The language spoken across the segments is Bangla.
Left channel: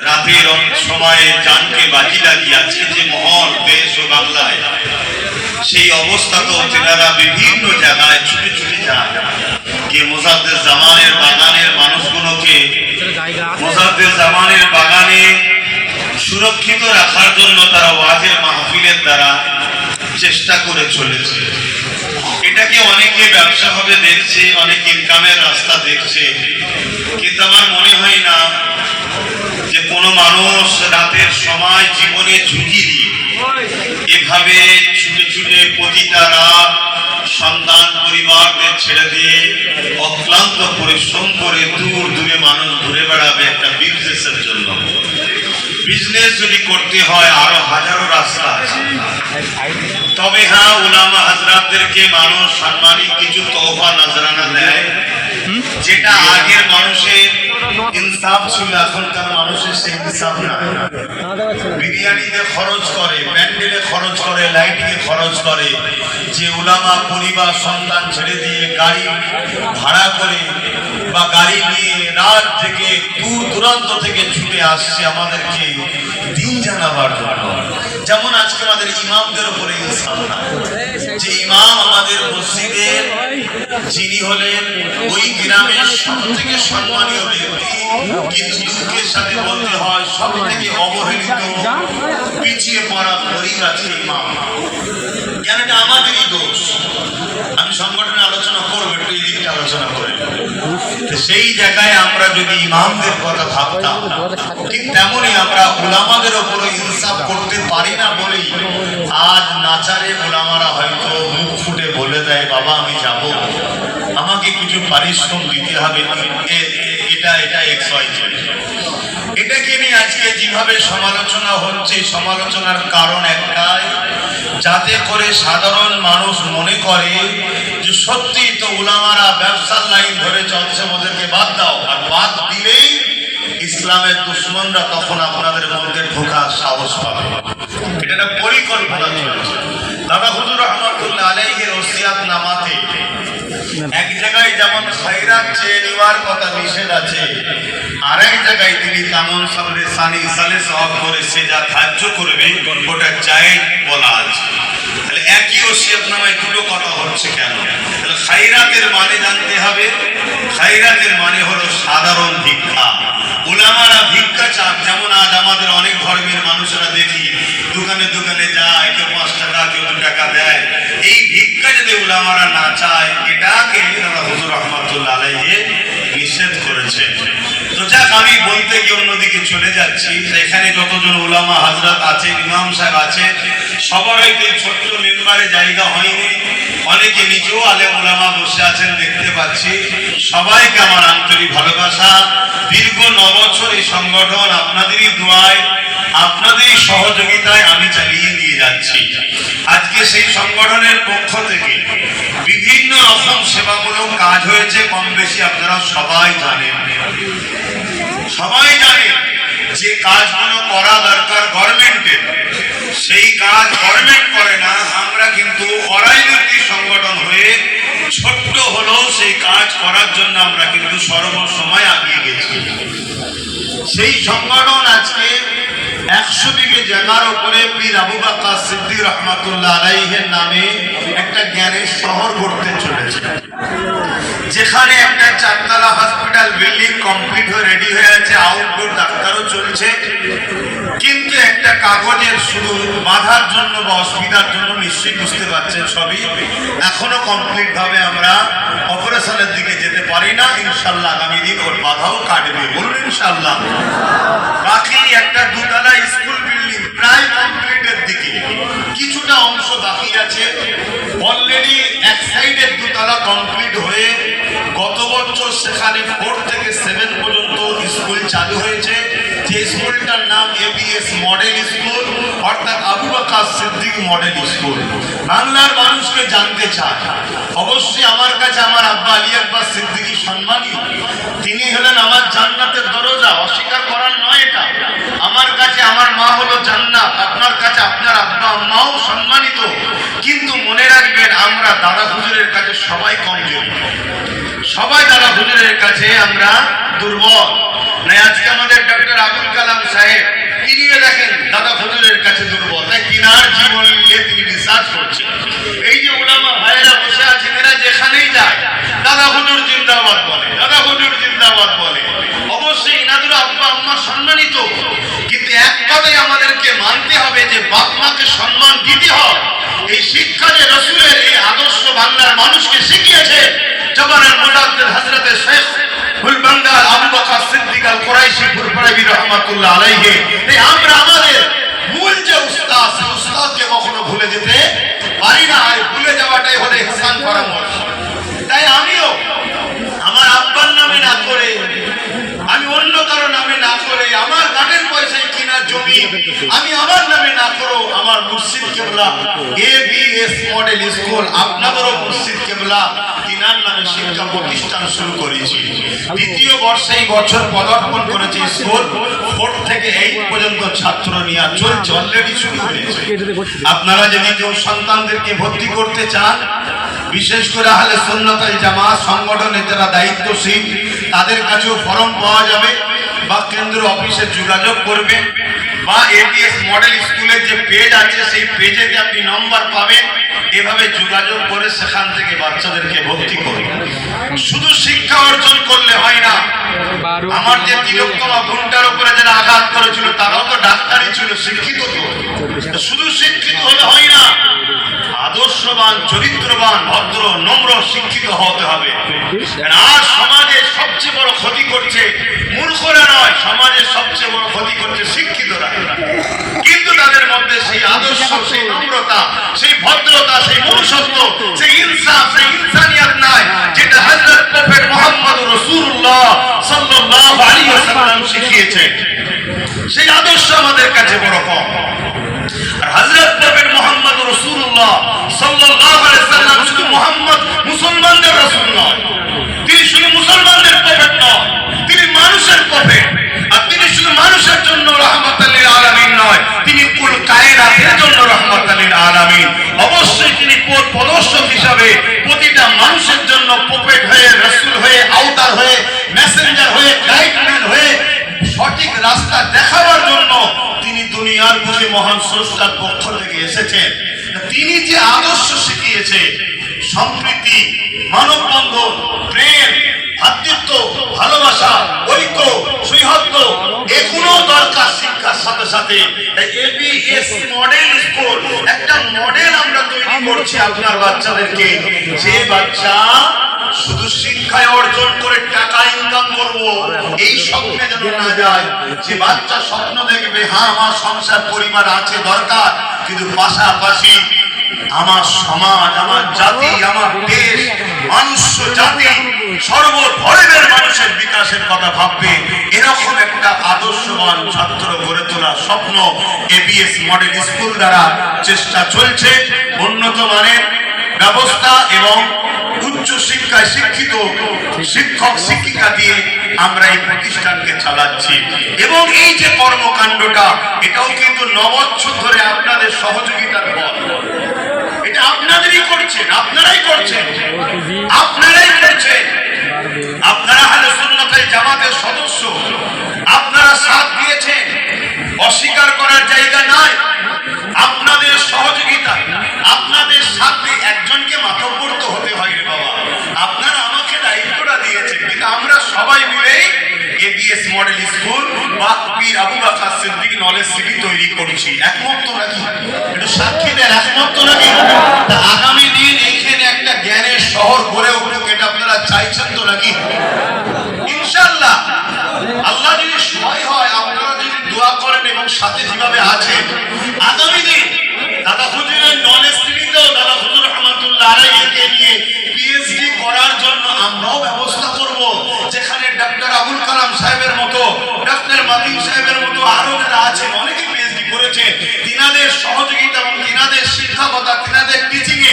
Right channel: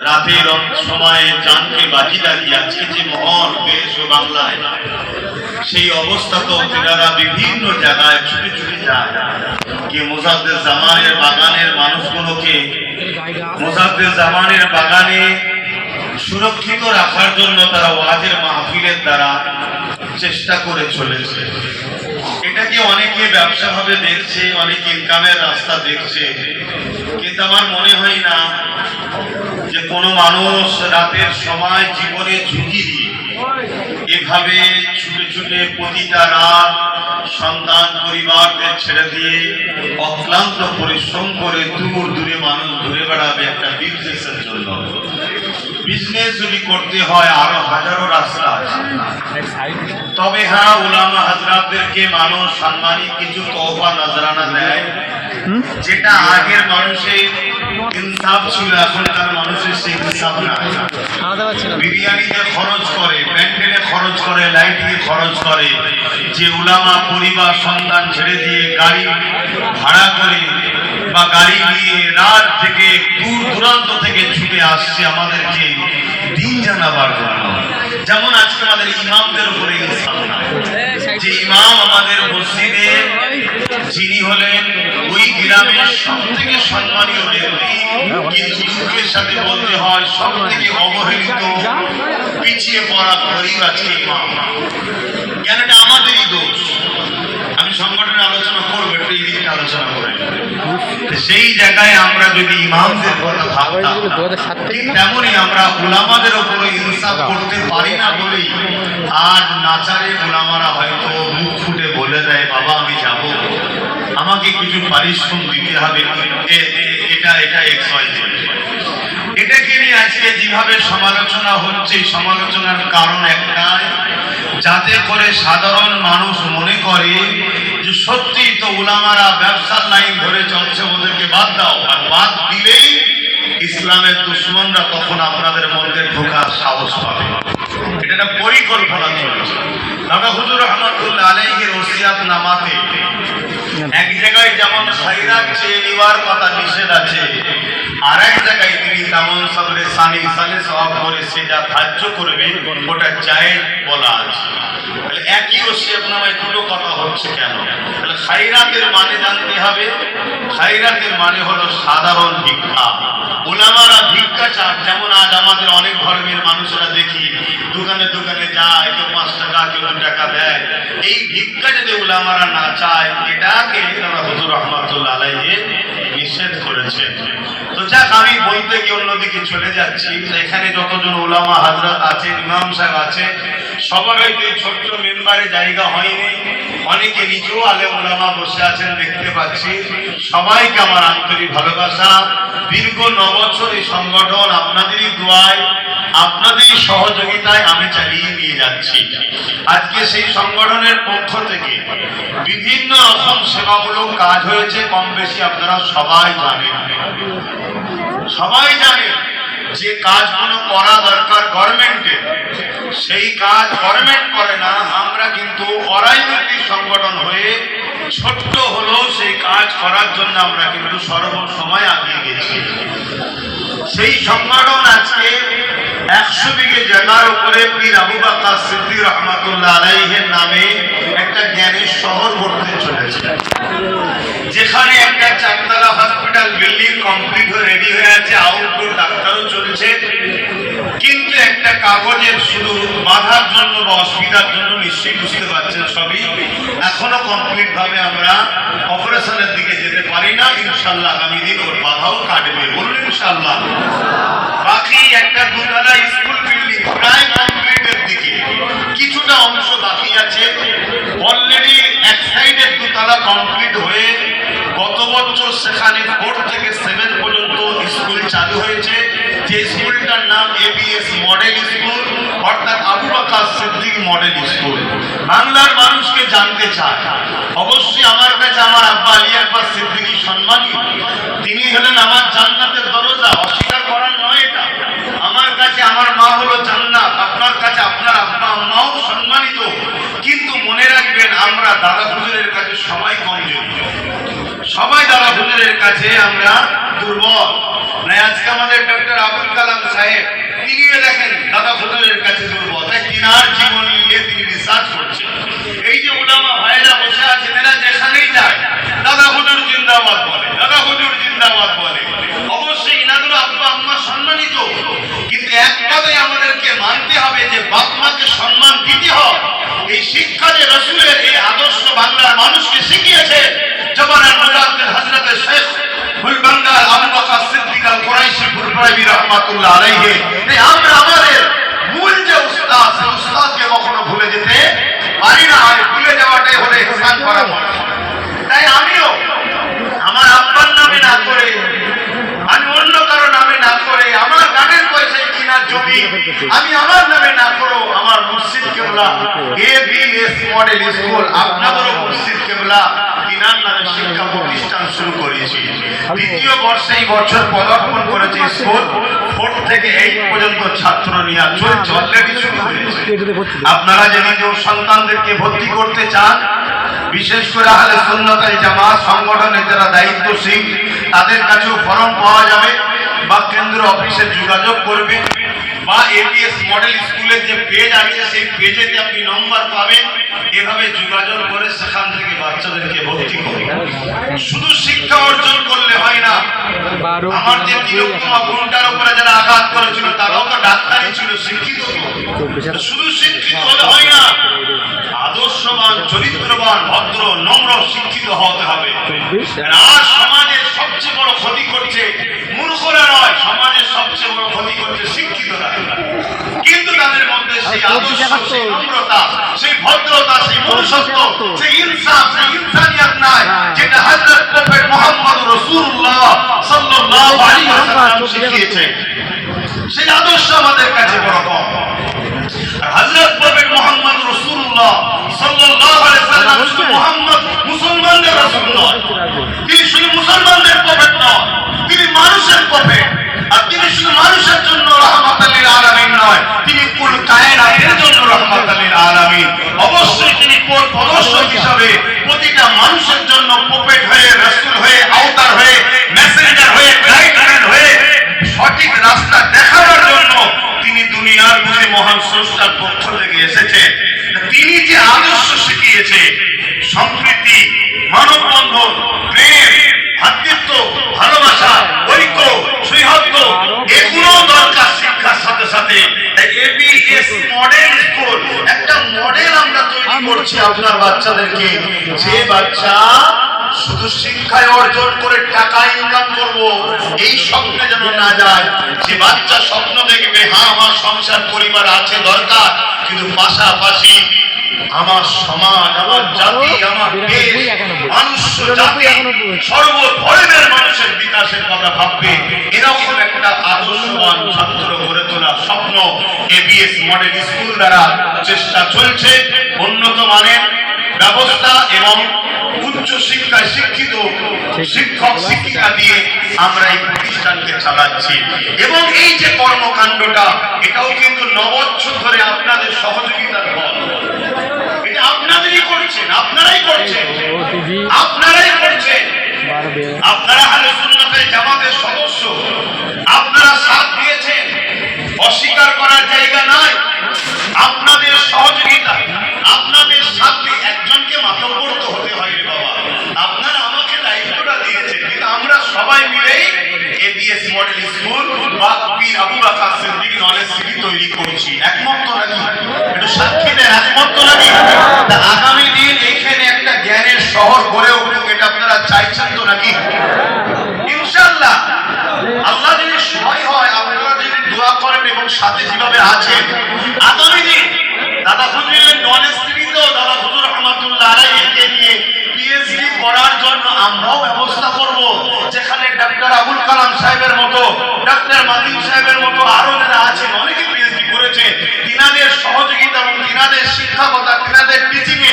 রাতের সময়ে জানকে বাজি লাগিয়ে আজকে যে মহল দেশ ও বাংলায় সেই অবস্থা তো তেনারা বিভিন্ন জায়গায় ছুটে ছুটে যান গিয়ে মোজাদ্দেদ জামানের বাগানের মানুষগুলোকে মোজাদ্দেদ জামানের বাগানে সুরক্ষিত রাখার জন্য তারা ওয়াজের মাহফিলের দ্বারা চেষ্টা করে চলেছে। এটাকে অনেকে ব্যবসা ভাবে দেখছে, অনেকে ইনকামের রাস্তা দেখছে, কিন্তু আমার মনে হয় না যে কোনো মানুষ রাতের সময় জীবনে ঝুঁকি দিয়ে এভাবে ছুটে ছুটে প্রতিটা রাত সন্তান পরিবারকে ছেড়ে দিয়ে অক্লান্ত পরিশ্রম করে দূর দূরে মানুষ ঘুরে বেড়াবে একটা বিজনেসের জন্য। বিজনেস যদি করতে হয় আরো হাজারো রাস্তা আছে, তবে হ্যাঁ উলামা হাজরাতদেরকে মানুষ সাম্মানিক কিছু তোহফা নজরানা দেয়, যেটা আগের মানুষের ইনসাফ ছিল, এখনকার মানুষের সেই ইনসাফ না। বিরিয়ানিতে খরচ করে, প্যান্ডেলে খরচ করে, লাইটিংয়ে খরচ করে, যে উলামা পরিবার সন্তান ছেড়ে দিয়ে গাড়ি ভাড়া করে বা গাড়ি নিয়ে রাত থেকে দূর দূরান্ত থেকে ছুটে আসছে আমাদেরকে দিন জানাবার জন্য। যেমন আজকে আমাদের ইমামদের উপরে ইনসাফ না, যে ইমাম আমাদের মসজিদে যিনি হলেন ওই গ্রামের সব থেকে সম্মানীয় ব্যক্তি, কিন্তু দুঃখের সাথে বলতে হয় সব থেকে অবহেলিত পিছিয়ে পড়া গরিব আজকে ইমাম। কেন এটা আমাদেরই দোষ। আমি সংগঠনে আলোচনা করবো, একটু এই দিকটা আলোচনা করবো। সেই জায়গায় আমরা যদি ইমামদের কথা ভাবতাম, ঠিক তেমনই আমরা উলামাদের উপরে ইনসাফ করতে পারি না বলেই আজ নাচারে উলামারা হয়তো মুখ ফুটে বলে দেয়, বাবা আমি যাব, আমাকে কিছু পারিশ্রম দিতে হবে, এটা XYZ। এটাকে নিয়ে আজকে যেভাবে সমালোচনা হচ্ছে, সমালোচনার কারণ একটাই, যাতে করে সাধারণ মানুষ মনে করে যে সত্যি তো উলামারা ব্যবসার লাইন ধরে চলছে, ওদেরকে বাদ দাও। আর বাদ দিলেই ইসলামের দুশ্মনরা তখন আপনাদের মধ্যে ঢোকার সাহস পাবে। এটা একটা পরিকল্পনা চলছে। দাদা হুজুর রহমাতুল্লাহ আলাইহির ওসিয়াত নামাতে এক জায়গায় যেমন খয়রাত চেয়ে নেওয়ার কথা নিষেধ আছে, আর এক জায়গায় তিনি তেমন সবরে সানি সালে সওয়াব করে সে যা ধার্য করবে ওটা জায়েজ বলা আছে। তাহলে একই ওসিয়ত নামায় দুটো কথা হচ্ছে কেন? তাহলে খয়রাতের মানে জানতে হবে। খয়রাতের মানে হলো সাধারণ ভিক্ষা। উলামারা ভিক্ষা চান। যেমন আজ আমাদের অনেক ধর্মের মানুষরা দেখি দোকানে দোকানে যায়, কেউ 5 টাকা কেউ 2 টাকা দেয়। এই ভিক্ষা যদি উলামারা না চায়, এটাকে হুজুর রহমাতুল্লাহ আলাইহি নিষেধ করেছে। তো যাক, আমি বলতে গিয়ে অন্যদিকে চলে যাচ্ছি। এখানে যতজন উলামা হাজরাত আছে, ইমাম সাহেব আছে, সবার হয়তো ছোট্ট মেম্বারে জায়গা হয়নি, অনেকে নিচেও আলেম উলামা বসে আছেন দেখতে পাচ্ছি। সবাইকে আমার আন্তরিক ভালোবাসা। দীর্ঘ 9 বছর এই সংগঠন আপনাদেরই দোয়ায়, আপনাদেরই সহযোগিতায় আমি চালিয়ে নিয়ে যাচ্ছি। আজকে সেই সংগঠনের পক্ষ থেকে বিভিন্ন রকম সেবামূলক কাজ হয়েছে, কম বেশি আপনারা সবাই জানেন। সবাই জানে যে কাজগুলো করা দরকার গভর্নমেন্টের, সেই কাজ গভর্নমেন্ট করে না। আমরা কিন্তু অরাজনৈতিক সংগঠন হয়ে ছোট্ট হলেও সেই কাজ করার জন্য আমরা কিন্তু সর্বসময় এগিয়ে গেছি। সেই সংগঠন আজকে 100 বিঘে জায়গার উপরে পীর আবু বকর সিদ্দিক রহমাতুল্লাহ আলাইহির নামে একটা জ্ঞানের শহর গড়তে চলেছে, যেখানে একটা 4 তলা হসপিটাল বিল্ডিং কমপ্লিট হয়ে রেডি হয়ে আছে, আউটডোর ডাক্তারও চলছে। কিন্তু একটা কাগজের শুধু বাধার জন্য বা অসুবিধার জন্য, নিশ্চয়ই বুঝতে পারছেন সবই, এখনো কমপ্লিট ভাবে আমরা অপারেশনের দিকে যেতে পারি না। ইনশাআল্লাহ আগামী দিন ওর বাধাও কাটবে, বলুন ইনশাআল্লাহ। বাকি একটা 2 তলা স্কুল বিল্ডিং প্রায় কমপ্লিটের দিকে, কিছুটা অংশ বাকি আছে। অলরেডি এক সাইডের 2 তলা কমপ্লিট হয়ে গত বছর সেখানে 4 থেকে 7 পর্যন্ত স্কুল চালু হয়েছে। যে স্কুলটার নাম ABS মডেল স্কুল, অর্থাৎ আবু বকর সিদ্দিক মডেল স্কুল। বাংলার মানুষকে জানতে চায়, অবশ্যই আমার কাছে আমার আব্বা আলী আকবর সিদ্দিকী সম্মানীয়, তিনি হলেন আমার জান্নাতের দরজা, অস্বীকার করার নয় এটা। আমার কাছে আমার মা হলো জান্নাত, আপনার কাছে আপনার আব্বা আম্মাও সম্মানিত। কিন্তু মনে রাখবেন, আমরা দাদা হুজুরের কাছে সবাই কমজোরি, সবাই দাদা হুজুরের কাছে আমরা দুর্বল। আজকে আমাদের ডক্টর আবুল কালাম তিনার জীবন নিয়ে তিনি রিসার্চ করছেন। এই যে উলামা ভাইরা বসে আছে, এরা যেখানেই যায় দাদা হুজুর জিন্দাবাদ বলে, দাদা হুজুর জিন্দাবাদ বলে। অবশ্যই ইনাদের আব্বা আম্মা সম্মানিত, কিন্তু এক কথাই আমাদেরকে মানতে হবে যে বাপ মাকে সম্মান দিতে হয়। এই শিক্ষা যে রসুলের এই আদর্শ বাংলার মানুষকে শিখিয়েছে জবানের মুজাদ্দিদ হযরত শেখ ফুলবাংলা আবু বকর সিদ্দিক আল কুরাইশি ফুরফুরাবি রাহমাতুল্লাহ আলাইহি, এই আমরা আমাদের মূল যে উস্তাদ, সেই উস্তাদকে কখনো ভুলে যেতে পারি না। আর ভুলে যাওয়াটাই হলো ইহসান করা নয়। তাই আমিও আমার আব্বার নামে না করে, আমি অন্য কারো নামে না করে, আমার গানের পয়সায় কিনা জমি আমি আমার নামে না করো, আমার মুর্শিদ কেবলা এবিএস মডেল স্কুল আপনাদেরও মুর্শিদ কেবলা তিনার নামে শিক্ষা প্রতিষ্ঠান শুরু করেছি। দ্বিতীয় বর্ষে এই বছর পদার্পণ করেছে স্কুল। 4 থেকে 8 পর্যন্ত ছাত্র নিয়ে চলছে, অলরেডি শুরু হয়েছে। আপনারা যদি কেউ সন্তানদেরকে ভর্তি করতে চান, বিশেষ করে আহলে সুন্নাত ওয়াল জামাত সংগঠনের যারা দায়িত্বশীল, তাদের কাছেও ফর্ম পাওয়া যাবে, বা কেন্দ্র অফিসে যোগাযোগ করবেন, বা এবিএস মডেল স্কুলের যে পেজ আছে সেই পেজেতে আপনি নম্বর পাবেন। এভাবে যোগাযোগ করে সেখান থেকে বাচ্চাদেরকে ভর্তি করুন। শুধু শিক্ষা অর্জন করলে হয় না। আমার যে তিলোত্তমা গুণটার উপরে যারা আঘাত করেছিল তারাও তো ডাক্তারই ছিল, শিক্ষিত তো। শুধু শিক্ষিত হলে হয় না, আদর্শবান, চরিত্রবান, ভদ্র, নম্র, শিক্ষিত হতে হবে। আর সমাজের সবচেয়ে বড় ক্ষতি করছে মূর্খরা নয়, সমাজের সবচেয়ে বড় ক্ষতি করছে শিক্ষিতরা। কিন্তু তাদের মধ্যে সেই আদর্শ, সেই নম্রতা, সেই ভদ্রতা, সেই মনুষ্যত্ব, সেই ইনসাফ, সেই ইনসানিয়ত নাই, যেটা হযরত প্রফেট মুহাম্মদ রাসূলুল্লাহ সাল্লাল্লাহু আলাইহি ওয়াসাল্লাম শিখিয়েছেন। সেই আদর্শ আমাদের কাছে বড় কম। হযরত প্রফেট মুহাম্মদ রাসূলুল্লাহ সাল্লাল্লাহু আলাইহি ওয়াসাল্লাম শুধু মুহাম্মদ মুসলমানদের রাসূল নয়, তিনি শুধু মুসলমানদের প্রফেট নয়, তিনি মানুষের প্রফেট। আর তিনি শুধু মানুষের জন্য রাহমাতাল লিল আলামিন নয়, তিনি কুল কায়নাতের জন্য রাহমাতাল লিল আলামিন। অবশ্যই তিনি পথ প্রদর্শক হিসাবে প্রতিটা মানুষের জন্য প্রফেট হয়ে, রাসূল হয়ে, আউতার হয়ে, মেসেঞ্জার হয়ে, গাইডম্যান হয়ে সঠিক রাস্তা দেখাবার জন্য তিনি দুনিয়ার বুকে মহান স্রষ্টার পক্ষ থেকে এসেছেন। তিনি যে আদর্শ শিখিয়েছে, সম্প্রীতি, মানববন্ধন, প্রেম, ভ্রাতৃত্ব, ভালোবাসা, ঐক্য, সৌহার্দ্য, এগুলো দরকার শিক্ষার সাথে সাথে। এবিএস মডেল স্কুল একটা মডেল আমরা তৈরি করছি আপনার বাচ্চাদেরকে। যে বাচ্চা শুধু শিক্ষায় অর্জন করে টাকা ইনকাম করব এই স্বপ্নে যেন না যায়। যে বাচ্চা স্বপ্ন দেখবে, হ্যাঁ আমার সংসার পরিবার আছে দরকার, কিন্তু পাশাপাশি আমার সমাজ, আমার জাতি, আমার দেশ, মানুষ জাতি, সর্বধর্মের মানুষের বিকাশের কথা ভাববে, এরকম একটা আদর্শবান ছাত্র গড়ে তোলার স্বপ্ন এবিএস মডেল স্কুল দ্বারা চেষ্টা চলছে। উন্নত মানের ব্যবস্থা এবং উচ্চ শিক্ষায় শিক্ষিত শিক্ষক শিক্ষিকা দিয়ে আমরা এই প্রতিষ্ঠানকে চালাচ্ছি। এবং এই যে কর্মকাণ্ডটা, এটাও কিন্তু 9 বছর ধরে আপনাদের সহযোগিতার ফল। এটা আপনাদেরই করছেন, আপনারাই করছেন, আপনারাই করছেন। আপনারা আহলে সুন্নাত ওয়াল জামাতের সদস্য, আপনারা সাথ দিয়েছেন, অস্বীকার করার জায়গা নাই। আপনাদের সহযোগিতা, আপনাদের সাথে একজনকে মাতব্বর তো হতে হয় রে বাবা। আপনারা আমাকে দায়িত্বটা দিয়েছেন, কিন্তু আমরা সবাই মিলে এবিএস মডেল স্কুল বা পীর আবু বকর সিদ্দিক নলেজ সিটি তৈরি করছি। একমত তো নাকি? একটু সাক্ষী দেন, একমত তো নাকি? তা আগামী দিন এখানে একটা জ্ঞানের শহর গড়ে উঠুক, এটা আপনারা চাইছেন তো নাকি? ইনশাআল্লাহ আল্লাহ যদি সহায় হয়, আপনারা যদি দোয়া করেন এবং সাথে যেভাবে আছেন, আগামী দিন দাদা হুজুরের নলেজ সিটিতেও দাদা হুজুর রহমাতুল্লাহ আলাইহিকে নিয়ে পিএইচডি করার জন্য আমরাও ব্যবস্থা করব। যেখানে ডক্টর আবুল কালাম সাহেবের মতো, ডক্টর মাদিন সাহেবের মতো আরো যারা আছেন, অনেকে পিএইচডি করেছে, তিনাদের সহযোগিতা এবং তিনাদের শিক্ষকতা, তিনাদের টিচিং এ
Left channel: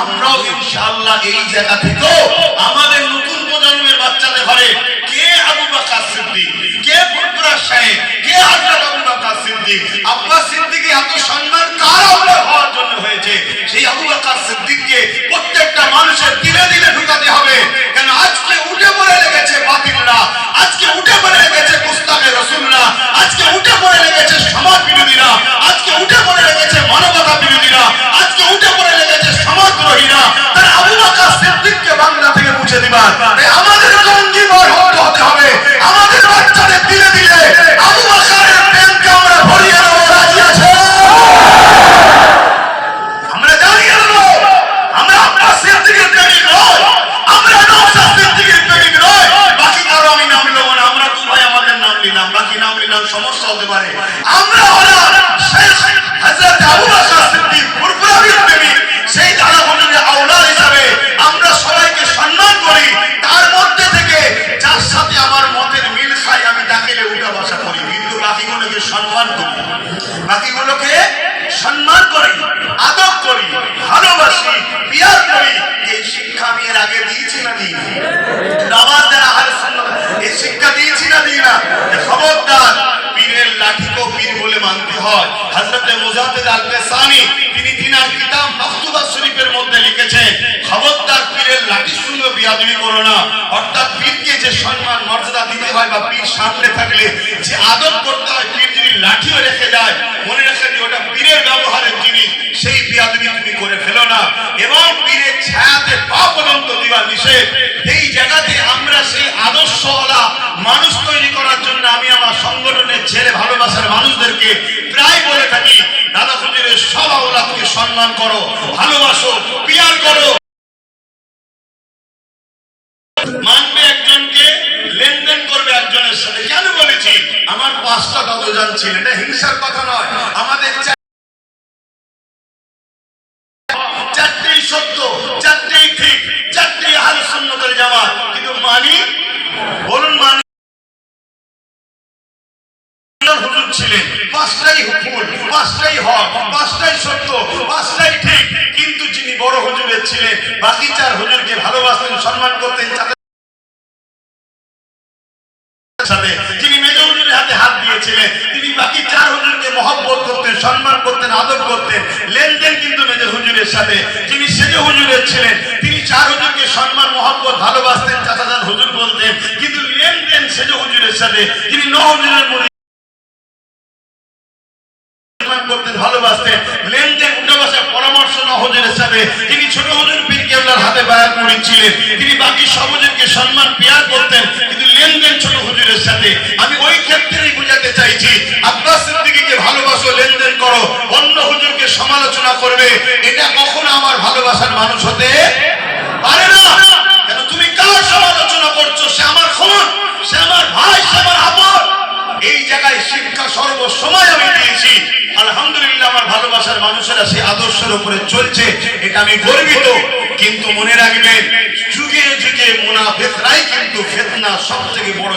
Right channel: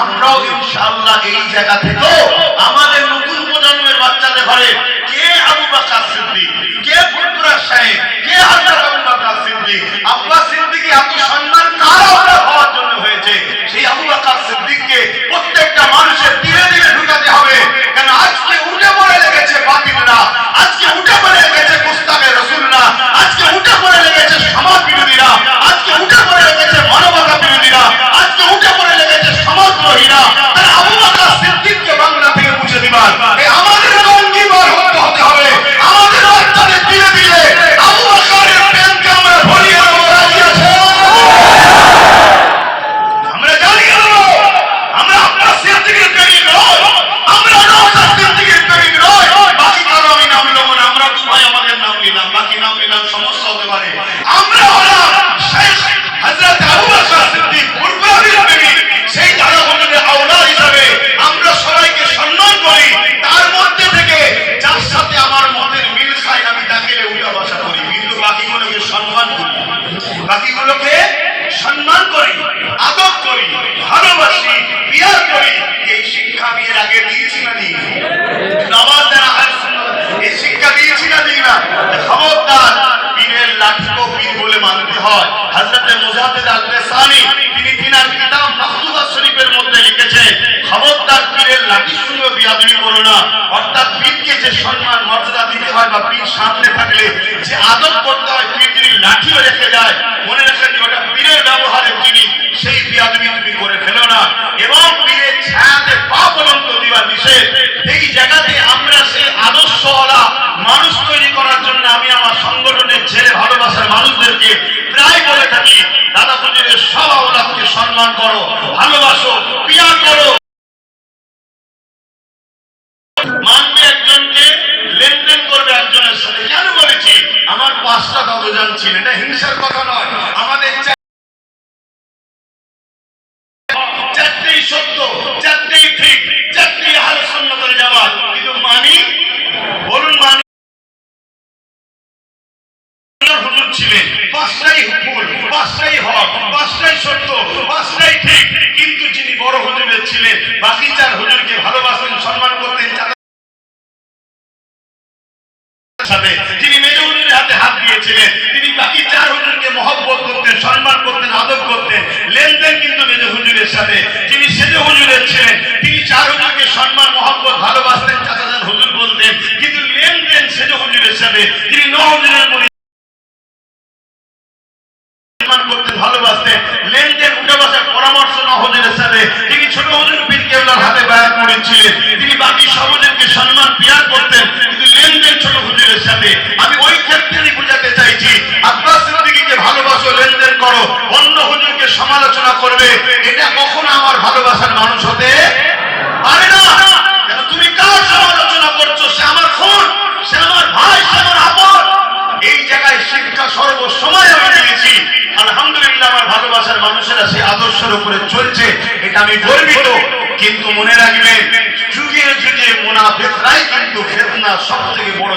আমরাও ইনশাআল্লাহ এই জায়গা থেকেও আমাদের নতুন প্রজন্মের বাচ্চাদের ঘরে কে আবু বকর সিদ্দিক, কে ফুরফুরা সাহেব, কে হযরত আবু বকর সিদ্দিক, আব্বাস সিদ্দিকী এত সম্মান কার আমরা হওয়ার জন্য হয়েছে, সেই আবু বকর সিদ্দিককে প্রত্যেকটা মানুষের দিলে দিলে ঢুকাতে হবে। কেন আজকে উঠে পড়ে লেগেছে বাতিলরা, আজকে উঠে পড়ে লেগেছে মুস্তাফে রাসূলরা, আজকে উঠে পড়ে লেগেছে সমাজ বিরোধীরা, আজকে উঠে পড়ে লেগেছে মানব সমস্যা হতে পারে। আমরা হলাম শেখ হযরত আবু বকর সিদ্দিক কুরবানির প্রেমিক, সেই দাদা হুজুরের আওলাদ হিসাবে আমরা সবাইকে সম্মান করি। তার মধ্যে থেকে যার সাথে আমার মতের মিল খায় আমি তাকে উল্টা ভাষা করি, কিন্তু বাকিগুলোকে সম্মান করি, বাকিগুলোকে সম্মান করি, আদব করি, ভালোবাসি, পিয়ার করি। এই শিক্ষা আমি এর আগে দিয়েছি না দিই না? নামাজ দ্বারা আহলে সুন্নাত এই শিক্ষা দিয়েছি না দিই না? খবরদার, পীরের লাঠিকেও পীর বলে মানতে হয়। হযরত মুজাদ্দিদ আল-লিসানি তিনি তিনার কিতাব মাকতুবা শরীফের মধ্যে লিখেছেন, খবরদার পীরের লাঠির সঙ্গে বিয়াদবি করো না। অর্থাৎ পীরকে যে সম্মান মর্যাদা দিতে হয় বা পীর সামনে থাকলে যে আদব করতে হয়, পীর যদি লাঠিও রেখে যায় মনে রেখে যে ওটা পীরের ব্যবহারের জিনিস, সেই বিয়াদবি তুমি করে ফেলো না। এবং পীরের ছায়াতে পা পর্যন্ত দেওয়া নিষেধ। এই জায়গাতে আমরা সেই আদর্শওয়ালা মানুষ তৈরি করার জন্য আমি আমার সংগঠনের ছেলে ভালোবাসার মানুষদেরকে প্রায় বলে থাকি, দাদা হুজুরের সব আওলাদকে সম্মান করো, ভালোবাসো, পিয়ার করো। মানবে একজনকে, লেনদেন করবে একজনের সাথে। কেন বলেছি? আমার 5টা বাবুজান ছিলেন, এটা হিংসার কথা নয়। আমাদের চারটেই সত্য, চারটেই ঠিক, চারটেই আহলে সুন্নাত ওয়াল জামাত। কিন্তু মানি, বলুন মানি? হুজুর ছিলেন, 5টাই ভুল, 5টাই হক, 5টাই সত্য, 5টাই ঠিক। কিন্তু যিনি বড় হুজুরের ছিলেন, বাকি 4 হুজুরকে ভালোবাসতেন, সম্মান করতেন। যিনি মেজ হুজুরের হাতে হাত দিয়েছিলেন, তিনি বাকি 4 হুজুরকে মহব্বত করতেন, সম্মান করতেন, আদব করতেন, লেনদেন কিন্তু মেজ হুজুরের সাথে। যিনি সেজ হুজুরের ছিলেন, তিনি 4 হুজুরকে সম্মান, মহব্বত, ভালোবাসতেন, চাচাজান হুজুর বলতেন, কিন্তু লেনদেন সেজ হুজুরের সাথে। যিনি 9 হুজুরের মুরিদ করতেন, ভালোবাসতেন, লেনদেন, উঠে বসার পরামর্শ 9 হুজুরের সাথে। তিনি ছোট হুজুর পীর কেবলার হাতে বায়াত মুরিদ ছিলেন, তিনি বাকি সব হুজুরকে সম্মান, পিয়ার করতেন, কিন্তু লেনদেন ছোট হুজুরের সাথে। আমি ওই ক্ষেত্রেই বোঝাতে চাইছি, আব্বাস সিদ্দিকীকে ভালোবাসো, লেনদেন করো, অন্য হুজুরকে সমালোচনা করবে, এটা কখনো আমার ভালোবাসার মানুষ হতে পারে না। কেন তুমি কার সমালোচনা করছো? সে আমার খুন, সে আমার ভাই, সে আমার আপন। এই জায়গায় শিক্ষা সর্বসময় আমি দিয়েছি। আলহামদুলিল্লাহ, আমার ভালোবাসার মানুষেরা সেই আদর্শের উপরে চলছে, এটা আমি গর্বিত। কিন্তু মনে রাখবেন, যুগে যুগে মুনাফিকরাই কিন্তু ফিতনা সবথেকে বড়,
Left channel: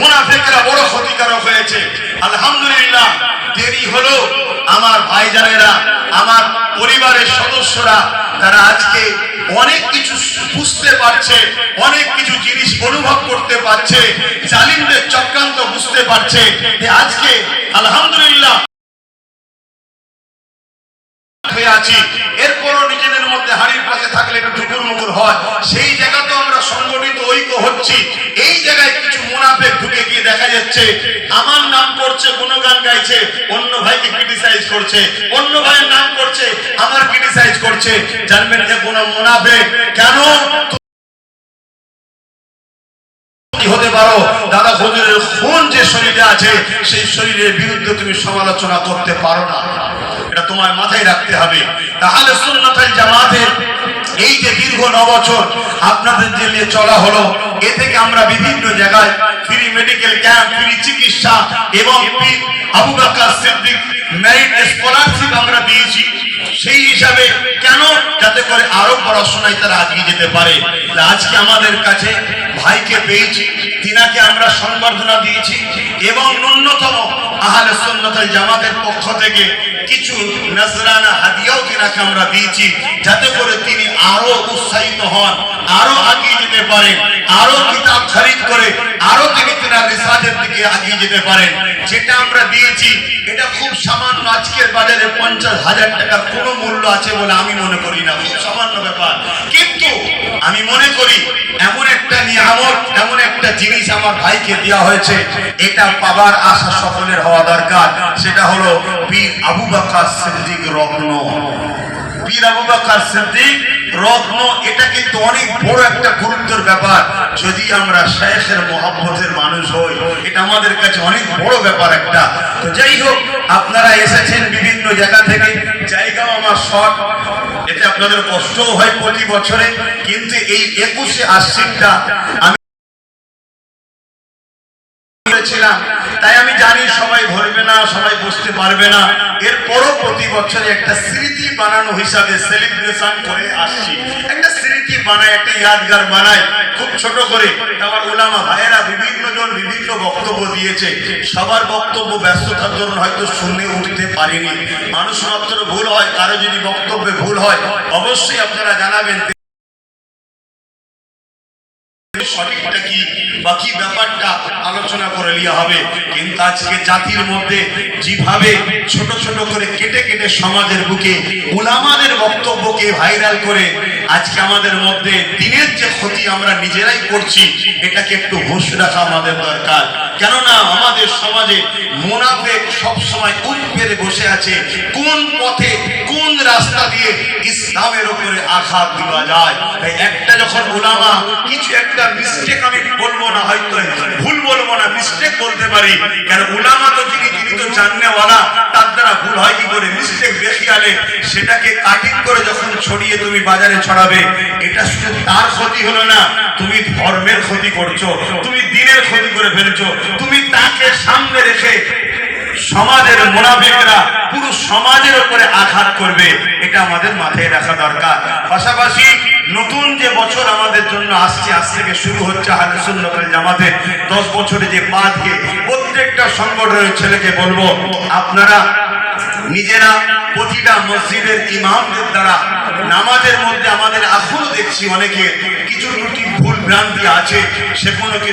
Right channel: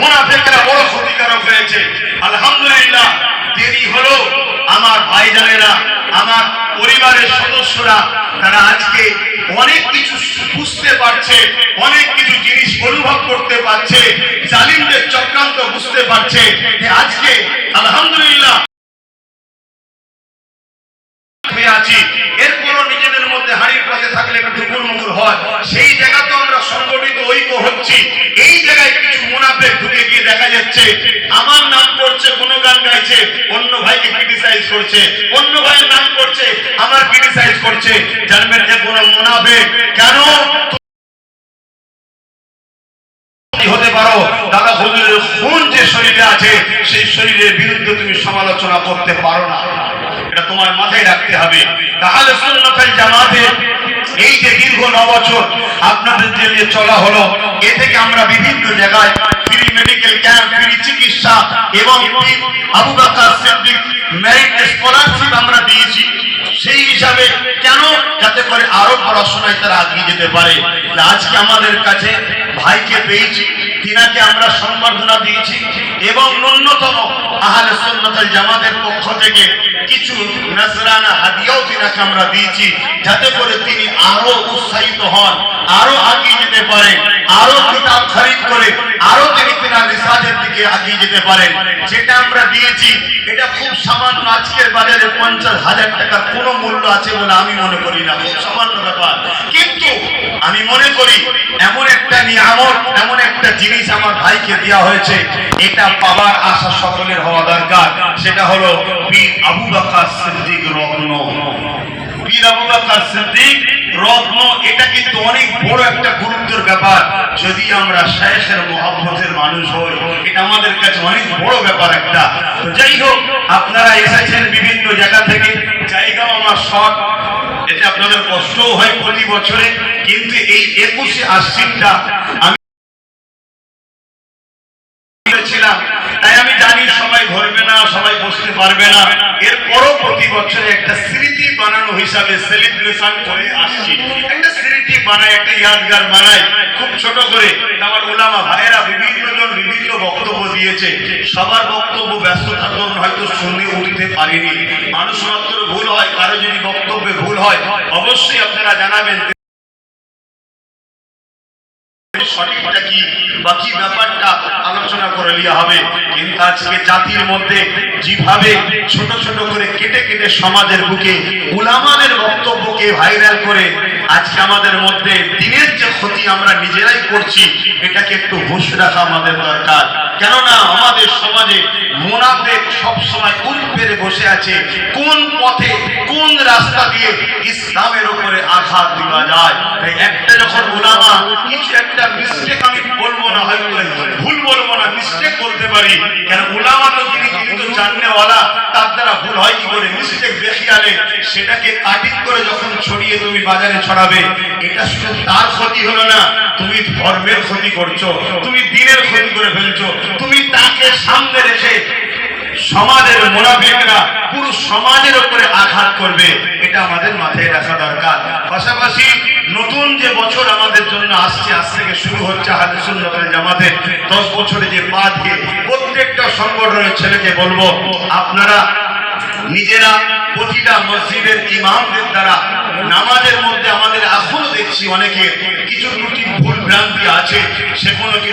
মুনাফিকরা বড় ক্ষতিকারক হয়েছে। আলহামদুলিল্লাহ, দেরি হলো আমার ভাইজানেরা, আমার পরিবারের সদস্যরা, তারা আজকে অনেক কিছু বুঝতে পারছে, অনেক কিছু জিনিস অনুভব করতে পারছে, জালিমদের চক্রান্ত বুঝতে পারছে। আজকে আলহামদুলিল্লাহ আছি, এরপরও নিজেদের মধ্যে হাড়ির পথে থাকলে একটু টুকুর হয়। সেই জায়গাতে আমরা সংগঠিত ঐক্য হচ্ছি। এই জায়গায় কিছু মুনাফিক ঢুকে গিয়ে দেখা যাচ্ছে আমার নাম করছে, গুণগান গাইছে, অন্য ভাইকে ক্রিটিসাইজ করছে, অন্য ভাইয়ের নাম করছে, আমার ক্রিটিসাইজ করছে। জানবেন যে কোন মুনাফিক কেন হতে পারো, দাদা হুজুরের খুন যে শরীরে আছে, সেই শরীরের বিরুদ্ধে তুমি সমালোচনা করতে পারো না। এটা তোমার মাথায় রাখতে হবে। আহলে সুন্নাত ওয়াল জামাতের এই যে দীর্ঘ 9 বছর আপনাদের যে নিয়ে চলা হলো, এ থেকে আমরা বিভিন্ন জায়গায় ফ্রি মেডিকেল ক্যাম্প, ফ্রি চিকিৎসা এবং আবু বকর সিদ্দিক মেরিট স্কলারশিপ আমরা দিয়েছি। সেই হিসাবে কেন? যাতে করে আরো পড়াশোনায় তারা এগিয়ে যেতে পারে। আজকে আমাদের কাছে ভাইকে পেয়েছি, তিনাকে আমরা সম্বর্ধনা দিয়েছি এবং ন্যূনতম আহলে সুন্নাত ওয়াল জামাতের পক্ষ থেকে কিছু নজরানা হাদিয়াও তিনাকে আমরা দিয়েছি, যাতে করে তিনি আরো উৎসাহিত হন, আরো এগিয়ে যেতে পারেন, আরো কিতাব খরিদ করে আরো তিনি তিনার রিসার্চের দিকে এগিয়ে যেতে পারেন। যেটা আমরা দিয়েছি এটা খুব সামান্য, আজকের বাজারে 50,000 টাকার কোনো মূল্য আছে বলে আমি মনে করি না, খুব সামান্য ব্যাপার। কিন্তু আমি মনে করি এমন একটা নিয়ামত, এমন একটা জিনিস আমার ভাইকে দেওয়া হয়েছে, এটা পাবার আশা সকলের হওয়া দরকার। সেটা হলো পীর আবু বকর সিদ্দিক রত্ন। পীর আবু বকর সিদ্দিক রত্ন, এটা কিন্তু অনেক বড় একটা গুরুত্বের ব্যাপার। যদি আমরা শাইখের মহব্বতের মানুষ হই, এটা আমাদের কাছে অনেক বড় ব্যাপার একটা। তো যাই হোক, আপনারা এসেছেন বিভিন্ন জায়গা থেকে, জায়গাও আমার শর্ট, এতে আপনাদের কষ্টও হয় প্রতি বছরে, কিন্তু এই 21শে আশ্বিনটা আমি বসেছিলাম, তাই আমি জানি সবাই ধরবে না, সবাই বসতে পারবে না। এরপরও প্রতি বছরে একটা স্মৃতি বানানো হিসাবে সেলিব্রেশন করে আসছি, একটা স্মৃতি বানায়, একটা ইয়াদগার বানায় খুব ছোট করে। আমার ওলামা ভাইয়েরা বিভিন্ন জন বিভিন্ন বক্তব্য দিয়েছে, সবার বক্তব্য ব্যস্ততার জন্য হয়তো শুনে উঠতে পারিনি। মানুষ মাত্র ভুল হয়, কারো যদি বক্তব্যে ভুল হয় অবশ্যই আপনারা জানাবেন সঠিকটা কি বা কি ব্যাপারটা আলোচনা করে নেওয়া হবে। কিন্তু আজকে জাতির মধ্যে যেভাবে ছোট ছোট করে কেটে কেটে সমাজের বুকে উলামাদের বক্তব্যকে ভাইরাল করে আজকে আমাদের মধ্যে দিনের যে ক্ষতি আমরা নিজেরাই করছি, এটাকে একটু হুঁশ রাখা আমাদের দরকার। কেননা আমাদের সমাজে মুনাফিক সব সময় উঠ পেরে বসে আছে, কোন পথে কোন রাস্তা দিয়ে ইসলামের উপরে আঘাত দেওয়া যায়। তাই একটা যখন উলামা কিছু একটা মিস্টেক, আমি বলবো না হয়তো ভুল বলবো না, মিস্টেক বলতে পারি, কারণ উলামা তো যিনি তো জাননেওয়ালা, তার দ্বারা ভুল হয় কি করে? মিস্টেক দেখিয়ালে সেটাকে কাটিং করে যখন ছড়িয়ে তুমি বাজারে ছড়াবে, এটা শুধু তার ক্ষতি হলো না, তুমি ধর্মের ক্ষতি করছো, তুমি দিনের ক্ষতি করে ফেলছো। তুমি তাকে সামনে রেখে সমাজের মুনাফিকরা পুরো সমাজের উপরে আঘাত করবে, এটা আমাদের মাথায় রাখা দরকার। পাশাপাশি নতুন যে বছর আমাদের জন্য আসছে, আজ থেকে শুরু হচ্ছে আহলে সুন্নাত ওয়াল জামাতের 10 বছরে যে পা দিয়ে প্রত্যেকটা সংগঠনের ছেলেকে বলবো, আপনারা নিজেরা প্রতিটা মসজিদের ইমামদের দ্বারা নামাজের মধ্যে আমাদের এখনো দেখছি অনেকে কিছু ত্রুটি ভুল ভ্রান্তি আছে, সেগুলোকে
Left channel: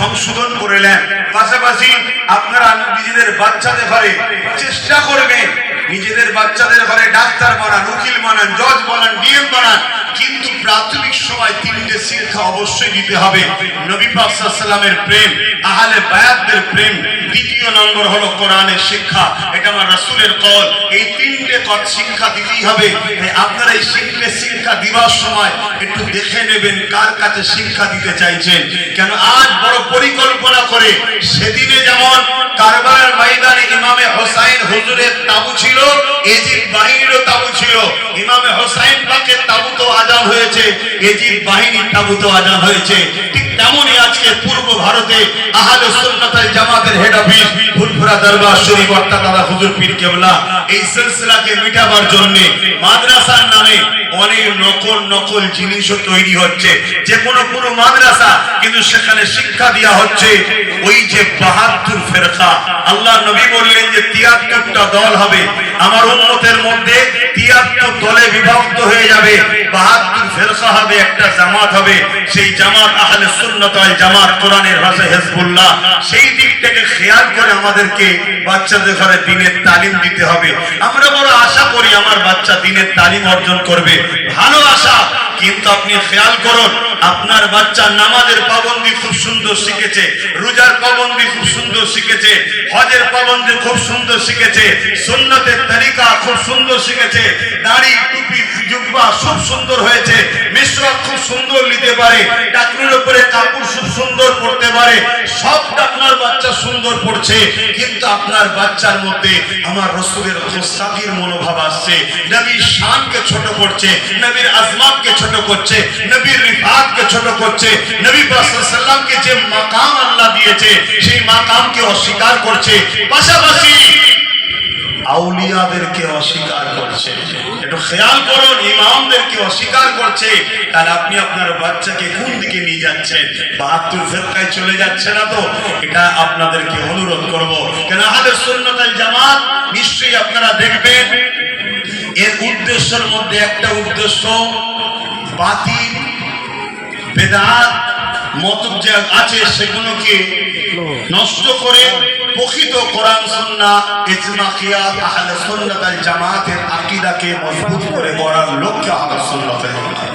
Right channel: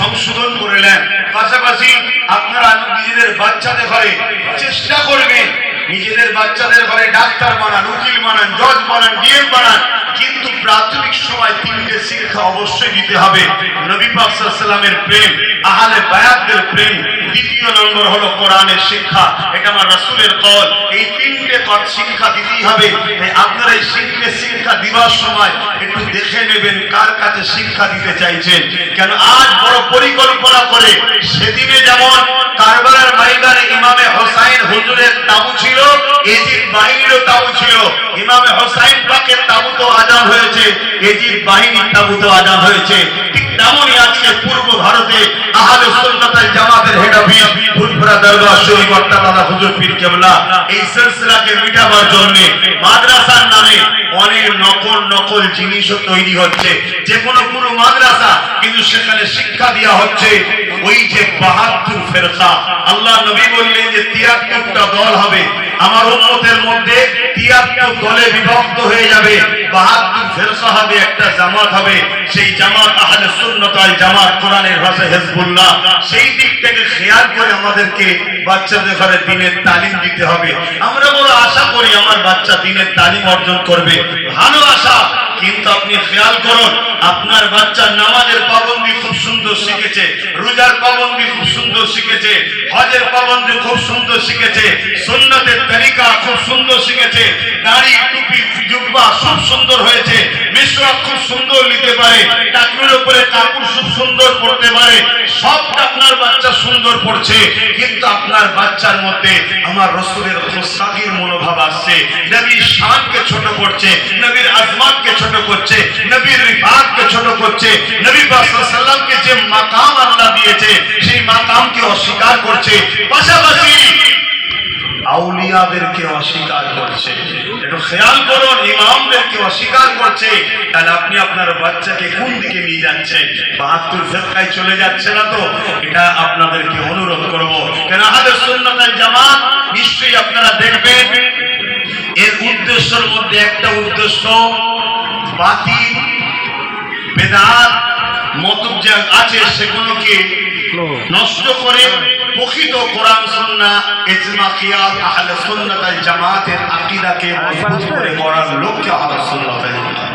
সংশোধন করে নেন। পাশাপাশি আপনারা নিজেদের বাচ্চাদের ঘরে চেষ্টা করবেন, নিজেদের বাচ্চাদের ঘরে ডাক্তার বানান, উকিল বানান, জজ বানান, ডিএম বানান, কিন্তু প্রাথমিক সময় 3টে শিক্ষা অবশ্যই দিতে হবে। নবী পাক সাল্লাল্লাহু আলাইহি ওয়াসাল্লামের প্রেম, আহলে বায়াতদের প্রেম, দ্বিতীয় নম্বর হলো কোরআনের শিক্ষা, এটা আমার রাসূলের কওল। এই 3টে শিক্ষা দিতেই হবে। আপনারা এই 3টে শিক্ষা দিবার সময় একটু দেখে নেবেন কার কাছে শিক্ষা দিতে চাইছেন। কেন আজ বড় পরিকল্পনা করে, সেদিনে যেমন কারবালার ময়দানে ইমামে হোসাইন হুজুরের তাবু ছিল, এজিদ বাহিনীরও তাবু ছিল। ইমামে হোসাইন পাকের তাবুতে আযান হয়েছে, এজিদ বাহিনীর তাবুতে আযান হয়েছে। ঠিক তেমনই আজকে পূর্ব ভারতে আহলে সুন্নাত ওয়াল জামাতের হেড অফিস ফুলপুরা দরবার শরীফ আল্লাহ হুজুর পীর কেবলা এই সিলসিলাকে মিটাবার জন্য মাদ্রাসার নামে অনেক নকল জিনিসও তৈরি হচ্ছে। যে কোনো মাদ্রাসা, কিন্তু সেখানে শিক্ষা দেওয়া হচ্ছে ওই যে 72 ফেরকা। আল্লাহ নবী বললেন যে 73টা দল হবে, আমার উম্মতের মধ্যে 73 দলে বিভক্ত হয়ে যাবে, 72 ফেরকা হবে, একটা জামাত হবে। সেই জামাত আহলে সুন্নাত ওয়াল জামাত, কোরআনের ভাষায় হিজবুল্লাহ। সেই দিক থেকে খেয়াল করে আমাদেরকে বাচ্চাদের ঘরে দ্বীনের তালিম দিতে হবে। আমরা বড় আশা করি আমার বাচ্চা দ্বীনের তালিম অর্জন করবে, ভালো আশা। কিন্তু আপনি খেয়াল করুন, আপনার বাচ্চা নামাজের পাবন্দি খুব সুন্দর শিখেছে, রোজার পাবন্দি খুব সুন্দর শিখেছে, হজের পাবন্দি খুব সুন্দর শিখেছে, সুন্নতের তরিকা খুব সুন্দর শিখেছে, দাড়ি টুপি জুব্বা খুব সুন্দর হয়েছে, মিশরাক খুব সুন্দর নিতে পারে, টাকনুর উপরে কাপড় খুব সুন্দর পড়তে পারে, সবটা আপনার বাচ্চা সুন্দর পড়ছে। কিন্তু আপনার বাচ্চার মধ্যে আমার রাসূলের খুশাকির মনোভাব আসছে, নবীর শানকে ছোট করছে, নবীর আজমাতকে ছোট করছে, নবীর রিফাতকে ছোট করছে, নবী পাক সাল্লাল্লাহু আলাইহি ওয়াসাল্লামকে যে মাকাম আল্লাহ দিয়েছে সেই মাকামকে অস্বীকার করছে, পাশাপাশি আউলিয়াদেরকে অস্বীকার করছে। একটু খেয়াল করুন, ইমামদেরকে অস্বীকার করছে। তাহলে আপনি আপনার বাচ্চাকে কোন দিকে নিয়ে যাচ্ছেন? 72 ফেরকায় চলে যাচ্ছে না তো? এটা আপনাদেরকে অনুরোধ করব, কেন আহলে সুন্নাত ওয়াল জামাত নিশ্চয়ই আপনারা দেখবেন এর উদ্দেশ্যের মধ্যে একটা উদ্দেশ্য বাতিল বেদাত মতলব যা আছে সেগুলোকে নষ্ট করে প্রকৃত কোরআন সুন্নাহ ইজমা কিয়াস আহলে সুন্নাত ওয়াল জামাতের আকীদাকে মজবুত করে গড়ার লক্ষ্যে আহলে সুন্নাত ওয়াল জামাত।